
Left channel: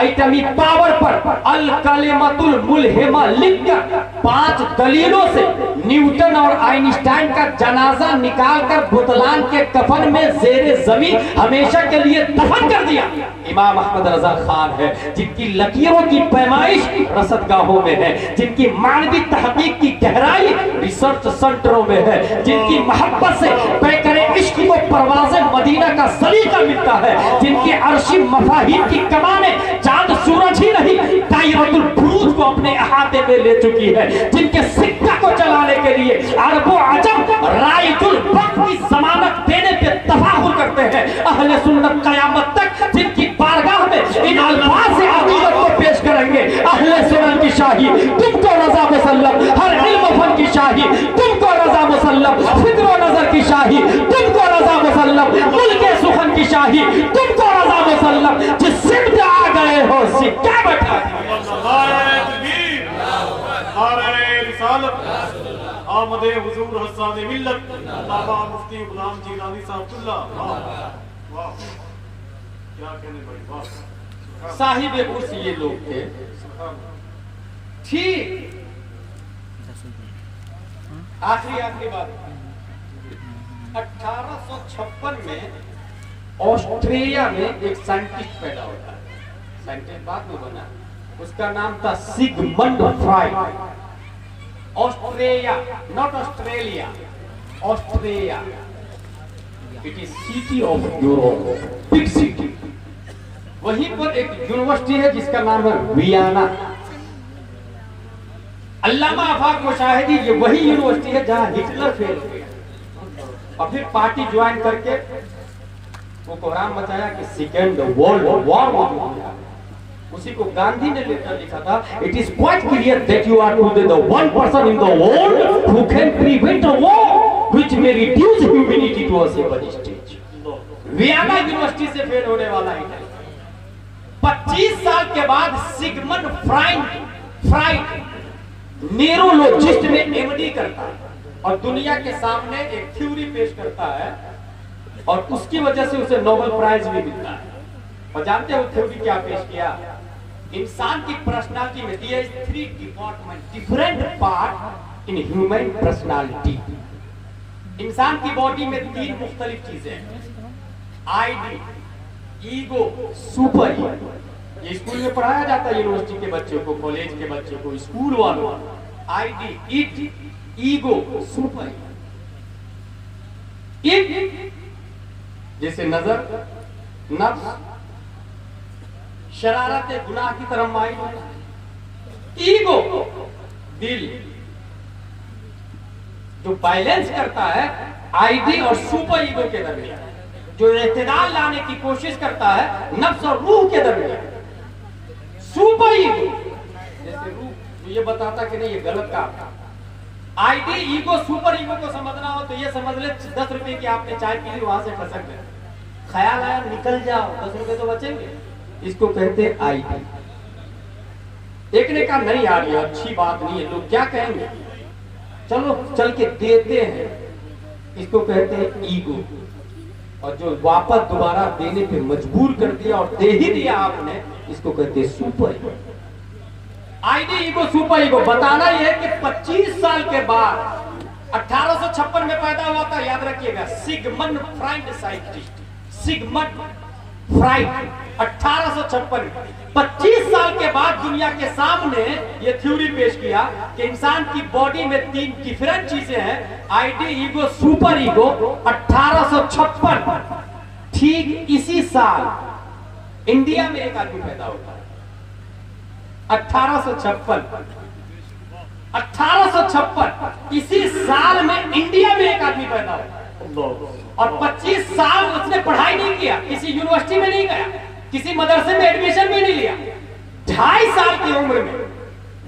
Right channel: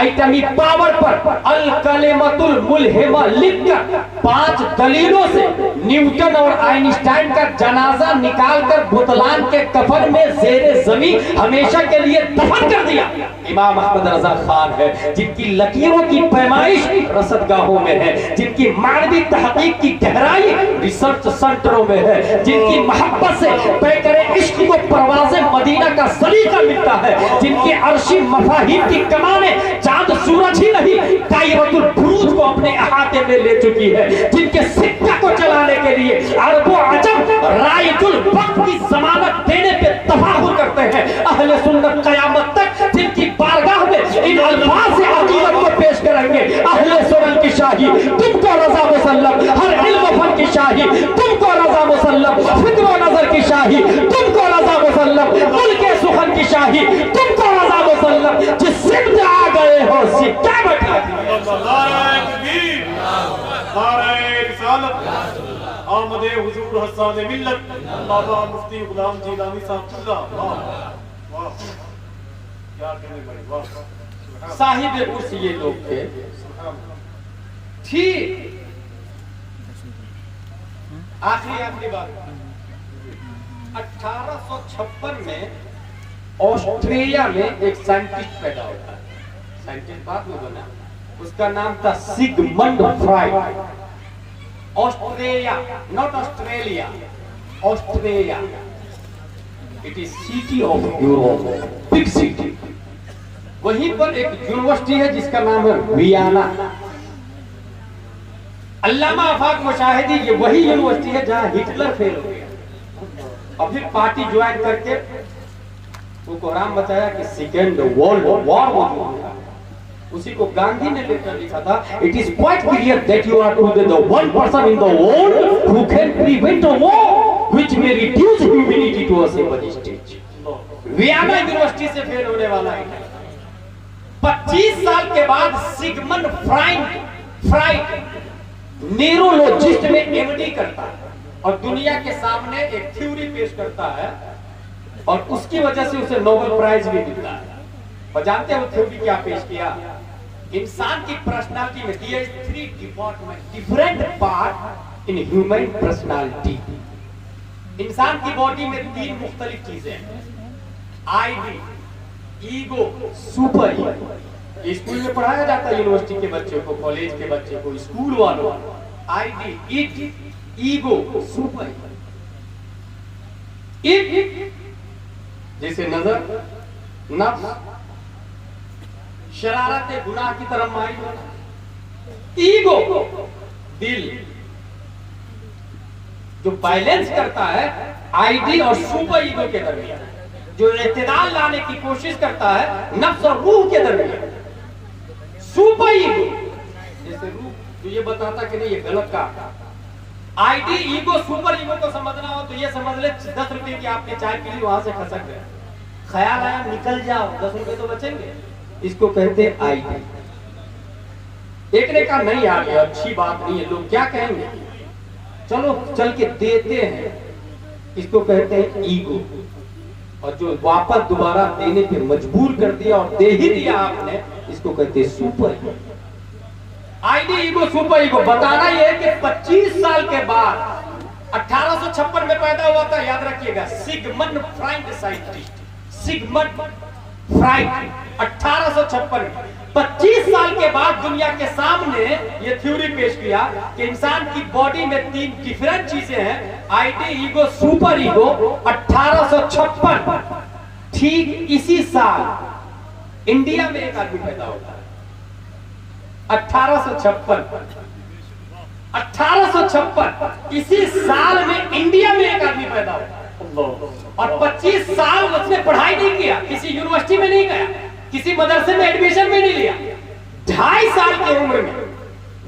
एटॉमिक पावर पर अल कलेमतुल मुल्हिमा लिखकर 5 दलीलों से न्यूटन और आइंस्टाइन का जनाजा निकालकर बुतलान के कफन में ज़ेरे ज़मीन हमेशा के लिए दफन कर दिया, इमाम अहमद रजा खान है, जिनकी लकीरों की पैमाइश रसदगाहों में है, जिनकी मानवी तहकीक की गहराई रिसर्च सेंटरों में है, जिनकी मोहब्बत से तय करे इश्क को परवाज़े मदीना का सलीका मिलता है, जिनके अर्शी मफाहिम की कमाने चांद सूरज ही नहीं दायरतुल बुरूज को अपने अहाते में ले चुकी है, जिनके सिक्का को चलाने के लिए अरबो अजम राइजुल वक्त की जमानत देने पे तफाखुर करते हैं, अहले सुन्नत कयामत तक जिनकी बारगाह में इन अल्फाज से अकीदत को पेश करेंगे, अहले सुन्नत की शाही तुमको रजा मुसल्लम, हर इल्म फन की शाही तुमको रजा मुसल्लम, फिक्र नजर की शाही तुमको रजा मुसल्लम, मुल्के सुखन की शाही तुमको रजा मुसल्लम, जिस सिद्ध आ गए हो सिक्का बैठा आमदे हुजूर हसन मिल्लत अल्लामा मुफ्ती गुलाम जीलानी साहबुल्लाह। वाह क्या कहने भाई, वाह। साहिब उर्स ये लोग थे। ठीक आखिरी बात, 1856 में ऑस्ट्रेलिया में एक साइंटिस्ट पैदा होता है, साइंटिस्ट बाद में बना, उसका नाम था Sigmund Freud. Australia, not Australia, Australia, it is city of Europe, big city. वहीं पर एक यूनिवर्सिटी है जिसका नाम है वियना। अल्लामा आफाक मुशाहिदी, ये वही यूनिवर्सिटी है जहां हिटलर फेल हो गया और फिर पार्टी ज्वाइन करके वो कोहराम बताया कि सेकेंड वर्ल्ड वॉर मौजूद हुआ। उसी को गांधी ने लेकर लिखा था, it is quite clear that you are today the one person in the world who can prevent a war which may reduce humanity to a simple stage. Vienna university से फेल होने वाला है। 25 साल के बाद सिगमंड फ्राइड न्यूरोलॉजिस्ट में MD करता है और दुनिया के सामने एक थ्योरी पेश करता है और उसकी वजह से उसे नोबेल प्राइज भी मिलता है। और जानते हो थ्योरी क्या पेश किया? इंसान की पर्सनालिटी में दिए 3 department, different part in human personality. इंसान की बॉडी में 3 मुख्तलिफ चीजें हैं, आईडी, ईगो, सुपर ईगो। ये स्कूल में पढ़ाया जाता है यूनिवर्सिटी के बच्चों को, कॉलेज के बच्चों को, स्कूल वालों। ID, it, ego, super ego. It जैसे नजर, नफ्स, शरारत गुनाह की तरफ माइल। ईगो दिल जो बैलेंस करता है आईडी और सुपर ईगो के दरमियान, जो इत्तेदाल लाने की कोशिश करता है नफ्स और रूह के दरमियान। सुपर ईगो जैसे रूह जो ये बताता कि नहीं ये गलत काम है। आईडी, ईगो, सुपर ईगो को समझना हो तो ये समझ ले 10 रुपए की आपने चाय पी ली, वहां से खसक गए, ख्याल आया निकल जाओ, 10 रुपए तो बचेंगे। इसको कहते हैं आईडी। एक ने कहा नहीं यार ये अच्छी बात नहीं है, लोग क्या कहेंगे, चलो चल के देते हैं, इसको कहते हैं ईगो। और जो वापस दोबारा देने पे मजबूर कर दिया और दे ही दिया आपने, इसको कहते हैं super ego. ID, ego, super ego. बताना यह है कि 25 साल के बाद 1856 में पैदा हुआ था, याद रखिएगा, Sigmund Freud scientist, Sigmund Freud 1856। 25 साल के बाद दुनिया के सामने ये थ्योरी पेश किया कि इंसान की बॉडी में 3 डिफरेंट चीजें हैं, आईडी, ईगो, सुपर ईगो। 1856 ठीक इसी साल इंडिया में एक आदमी पैदा होता है। 1856 इसी साल में इंडिया में एक आदमी पैदा होता है और 25 साल उसने पढ़ाई नहीं किया, किसी यूनिवर्सिटी में नहीं गया, किसी मदरसे में एडमिशन भी नहीं लिया। 2.5 साल की उम्र में,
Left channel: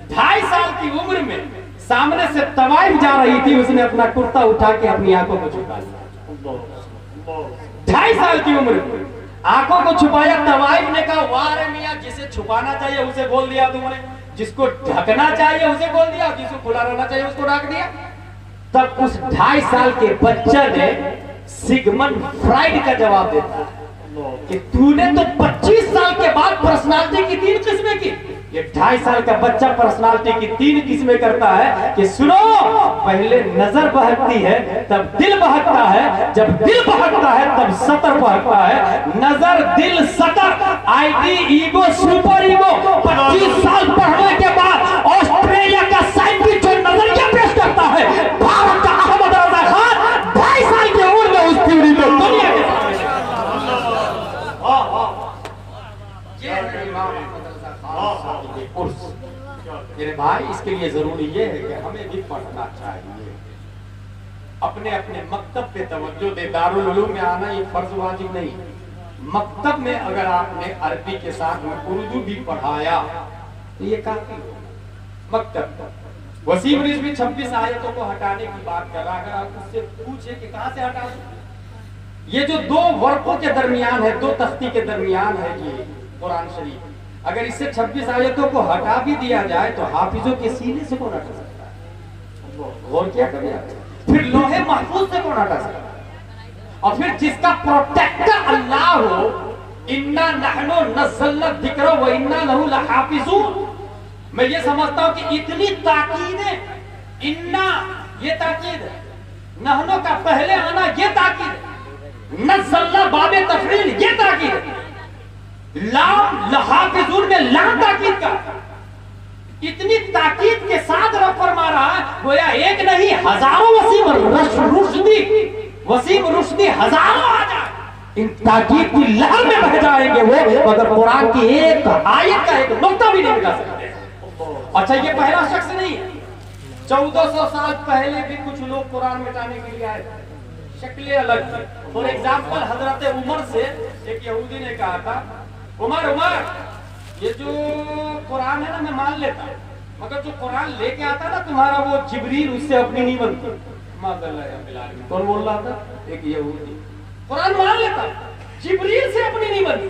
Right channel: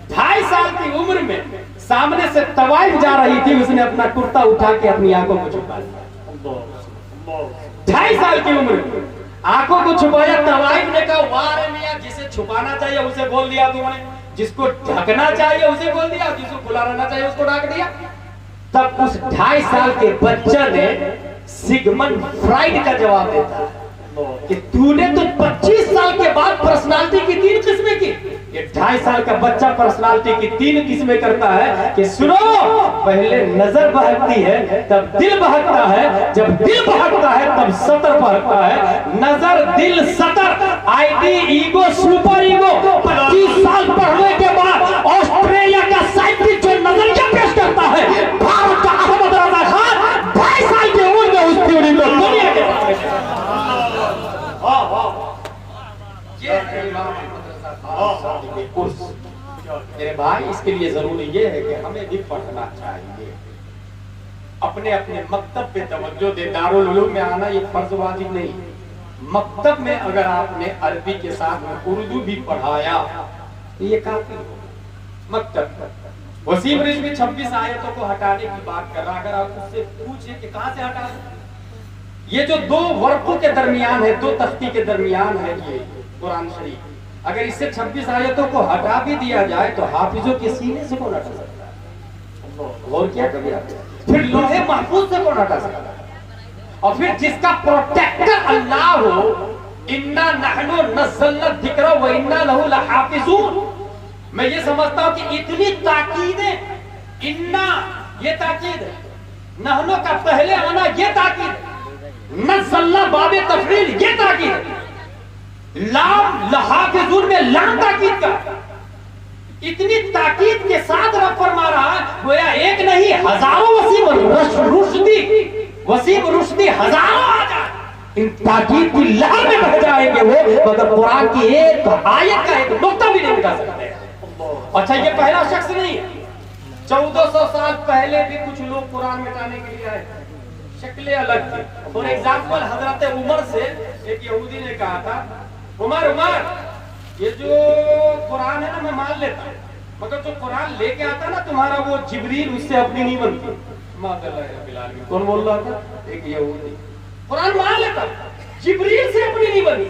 2.5 साल की उम्र में सामने से तवाइफ जा रही थी, उसने अपना कुर्ता उठा के अपनी आंखों को छुपा लिया। 2.5 साल की उम्र में आंखों को छुपाया। तवाइफ ने कहा वाह रे मियां, जिसे छुपाना चाहिए उसे बोल दिया तुमने, जिसको ढकना चाहिए उसे बोल दिया, जिसको खुला रहना चाहिए उसको ढक दिया। तब उस 2.5 साल के बच्चा ने सिगमंड फ्राइड का जवाब देता है, कि तूने तो 25 साल के बाद पर्सनालिटी की 3 किस्में की, ये 2.5 साल का बच्चा पर्सनालिटी की 3 किस्में करता है कि सुनो, पहले नजर बहकती है तब दिल बहकता है, जब दिल बहकता है तब सतर बहकता है। नजर, दिल, सतर, आईटी, ईगो, सुपर ईगो। 25 साल पढ़ने के बाद ऑस्ट्रेलिया का साइंटिस्ट जो नजरिया पेश करता है, भारत का अहमद रजा खान 2.5 साल की उम्र में उस थ्योरी को दुनिया के सामने मेरे भाई, इसके लिए जरूरी ये है कि हमें भी पढ़ना चाहिए, अपने अपने मकतब पे तवज्जो दे। दारुल उलूम में आना ये फर्ज वाजिब नहीं, मकतब में अगर आपने अरबी के साथ में उर्दू भी पढ़ाया तो ये काफी हो। मकतब वसीम रिजवी 26 आयतों को हटाने की बात कर रहा, अगर आप उससे पूछे कि कहां से हटा दो, ये जो 2 वर्कों के दरमियान है, 2 तख्ती के दरमियान है ये कुरान शरीफ, अगर इससे 26 आयतों को हटा भी दिया जाए तो हाफिजों के सीने से कौन हटा सकता है? और क्या कभी आप फिर लोहे महफूज से कौन हटा सकता है? और फिर जिसका प्रोटेक्टर अल्लाह हो, इन्ना नहनु नज़्ज़लना ज़िक्रा व इन्ना लहु लहाफिज़ून। मैं ये समझता हूं कि इतनी ताकीद है, इन्ना ये ताकीद है, नहनु का पहले आना ये ताकीद है, नज़्ज़लना बाबे तफरील ये ताकीद है, लाम लहाफिज़ून में लाम ताकीद का, इतनी ताकीद के साथ रब फरमा रहा है गोया एक नहीं हजारों वसीम रुश्दी हजारों आ जाए, इन ताकीद की लहर में बह जाएंगे वो, मगर कुरान की एक आयत का एक नुक्ता भी नहीं मिटा सकते। अच्छा, ये पहला शख्स नहीं है, 1400 साल पहले भी कुछ लोग कुरान मिटाने के लिए आए, शक्लें अलग थी। फॉर एग्जाम्पल, हजरत उमर से एक यहूदी ने कहा था, उमर ये जो कुरान है ना मैं मान लेता, मगर जो कुरान लेके आता ना तुम्हारा वो जिब्रील, उससे अपनी नहीं बनती। कौन बोल रहा था? एक यहूदी। कुरान मान लेता, जिब्रील से अपनी नहीं बनती।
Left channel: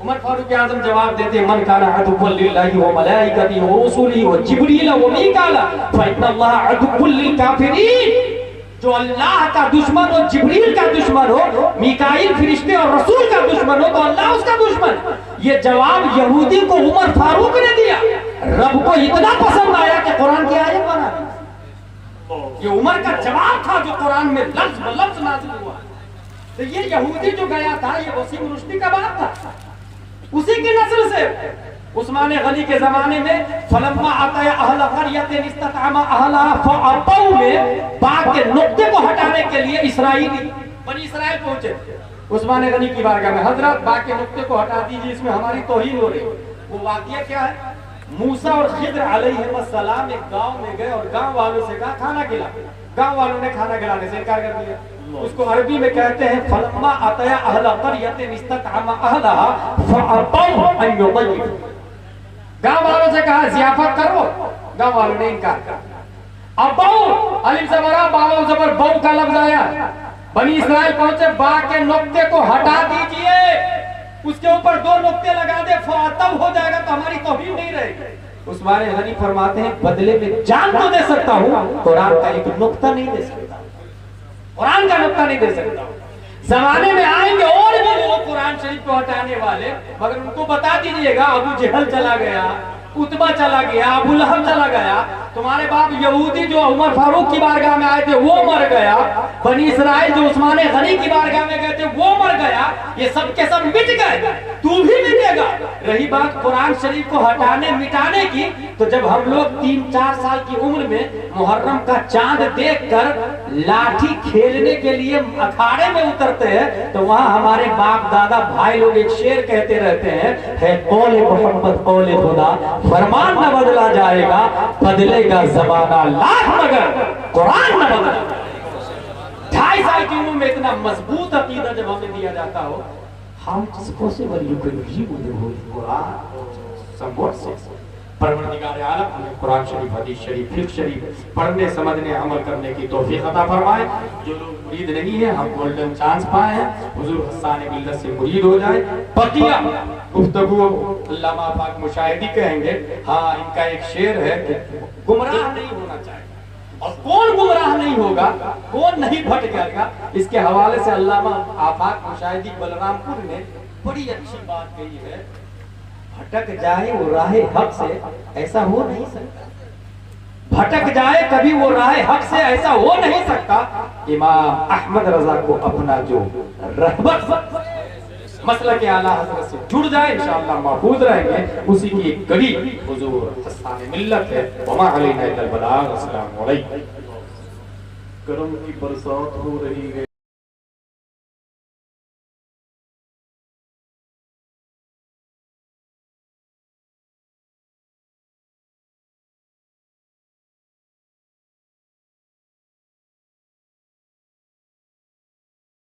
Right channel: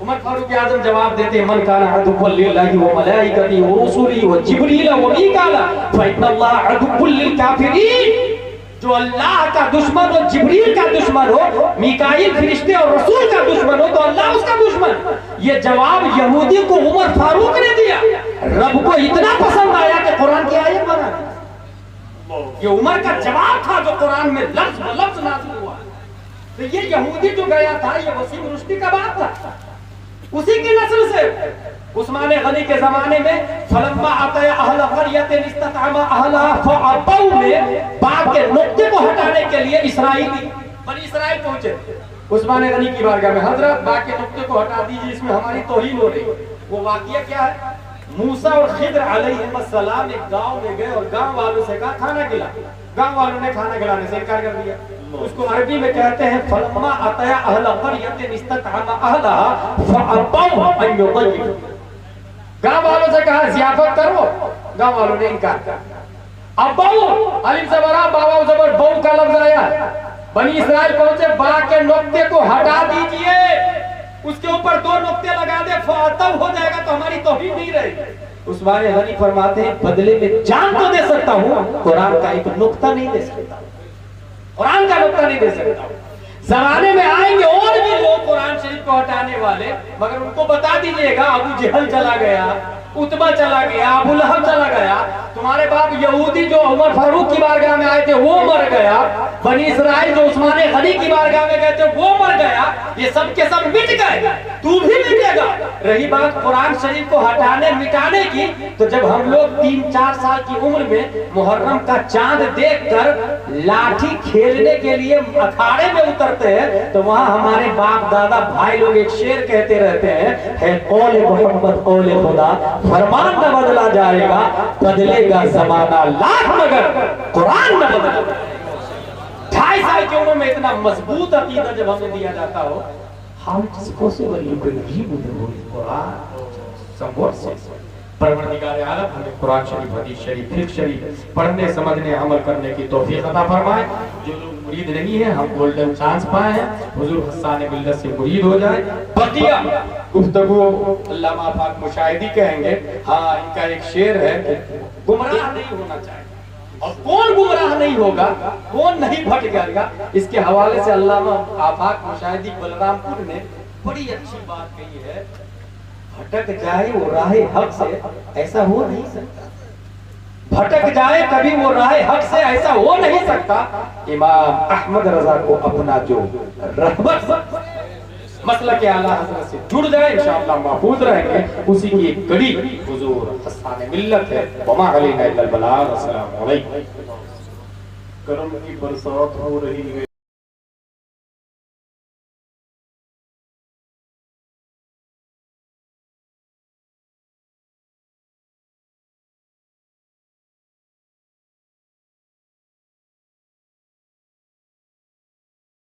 उमर फारूक आजम जवाब देते, मन काना अदुव्वल लिल्लाहि व मलाइकतिही व रुसुलिही व जिब्रील व मीकाला फइन्नल्लाह अदुव्वुल लिल काफिरीन। जो अल्लाह का दुश्मन और जिब्रील का दुश्मन हो, मीकाईल फरिश्ते और रसूल का दुश्मन हो, तो अल्लाह उसका दुश्मन। ये जवाब यहूदी को उमर फारूक ने दिया, रब को इतना पसंद आया कि कुरान की आयत बना दी। ये उमर का जवाब था जो कुरान में लफ्ज ब लफ्ज नाज़िल हुआ। तो ये यहूदी जो गया था, ये वसीम रुश्दी का बाप था, उसी की नस्ल से। उस्मान गनी के जमाने में फलम्मा अताया अहल क़रयतिन इस्ततअमा अहलहा फअतौ में बाग के नुक्ते को हटाने के लिए इसराइली बनी इसराइल पहुंचे उस्मान गनी की बारगाह में, हजरत बाग के नुक्ते को हटा दीजिए, इसमें हमारी तौहीन हो रही है। वो वाक़िया क्या है? मूसा और खिद्र अलैहिस्सलाम एक गांव में गए और गांव वालों से कहा खाना खिला, गांव वालों ने खाना खिलाने से इनकार कर दिया। उसको अरबी में कहते हैं फलम्मा अताया अहल क़रयतिन इस्ततअमा अहलहा फअतौ अन युज़य्यिफू। गांव वालों से कहा जियाफत करो, गांव वालों ने इनकार कर। अब बहु अलिफ जबर बावा जबर बहु का लफ्ज आया, बनी इस्राइल पहुंचे, बा के नुक्ते को हटा दीजिए, उसके ऊपर 2 नुक्ते लगा दे, फातह हो जाएगा तो हमारी तौहीन नहीं रहेगी। उस्मान गनी फरमाते हैं बदले में जान तो दे सकता हूं, कुरान का एक नुक्ता नहीं दे सकता, कुरान का नुक्ता नहीं दे सकता। जमाने में आएंगे और भी लोग कुरान शरीफ को हटाने वाले, मगर उनको बता दीजिएगा अबू जहल चला गया, उतबा चला गया, अबू लहब चला गया, तुम्हारे बाप यहूदी जो उमर फारूक की बारगाह में आए थे वो मर गया, बनी इस्राइल जो उस्मान गनी की बारगाह में गए थे वो मर गया, ये सब के सब मिट गए, तू भी मिटेगा। रही बात कुरान शरीफ को हटाने मिटाने की, तो जब हम लोग 3-4 साल की उम्र में मुहर्रम का चांद देखकर लाठी खेलने के लिए अखाड़े में उतरते हैं, तो वहां हमारे बाप दादा भाई लोग एक शेर कहते रहते हैं, है कौले मोहम्मद कौले खुदा, फरमान न बदला जाएगा, बदलेगा जमाना लाख मगर कुरान न बदलेगा। 2.5 साल की उम्र में इतना मजबूत अकीदा जब हमें दिया जाता हो, how it is possible you can read the Holy Quran somewhat says परवरदिगार आलम हमें कुरान शरीफ, हदीस शरीफ, फिक्र शरीफ पढ़ने समझने अमल करने की तौफीक अता फरमाए। जो लोग मुरीद नहीं है, हम गोल्डन चांस पाए हैं, हुजूर हस्सान मिल्लत से मुरीद हो जाए। बकिया गुफ्तगू अल्लामा आफाक मुशाहिदी कहेंगे, हाँ इनका एक शेर है कि गुमराह नहीं होना चाहिए, और कौन गुमराह नहीं होगा, कौन नहीं भटकेगा। इसके हवाले से अल्लामा आफाक मुशाहिदी बलरामपुर ने बड़ी अच्छी बात कही है, भटक जाए वो राहे हक से, ऐसा हो नहीं सकता। भटक जाए कभी वो राहे हक से, ऐसा हो नहीं सकता। इमाम अहमद रजा को अपना जो रहमत मसलक आला हज़रत से जुड़ जाए इंशाअल्लाह महफूज रहेंगे। उसी की एक कड़ी हुजूर हस्सान मिल्लत है। वमा अलैना इल्लल बलाग। अस्सलामु अलैकुम। करम की बरसात हो रही है।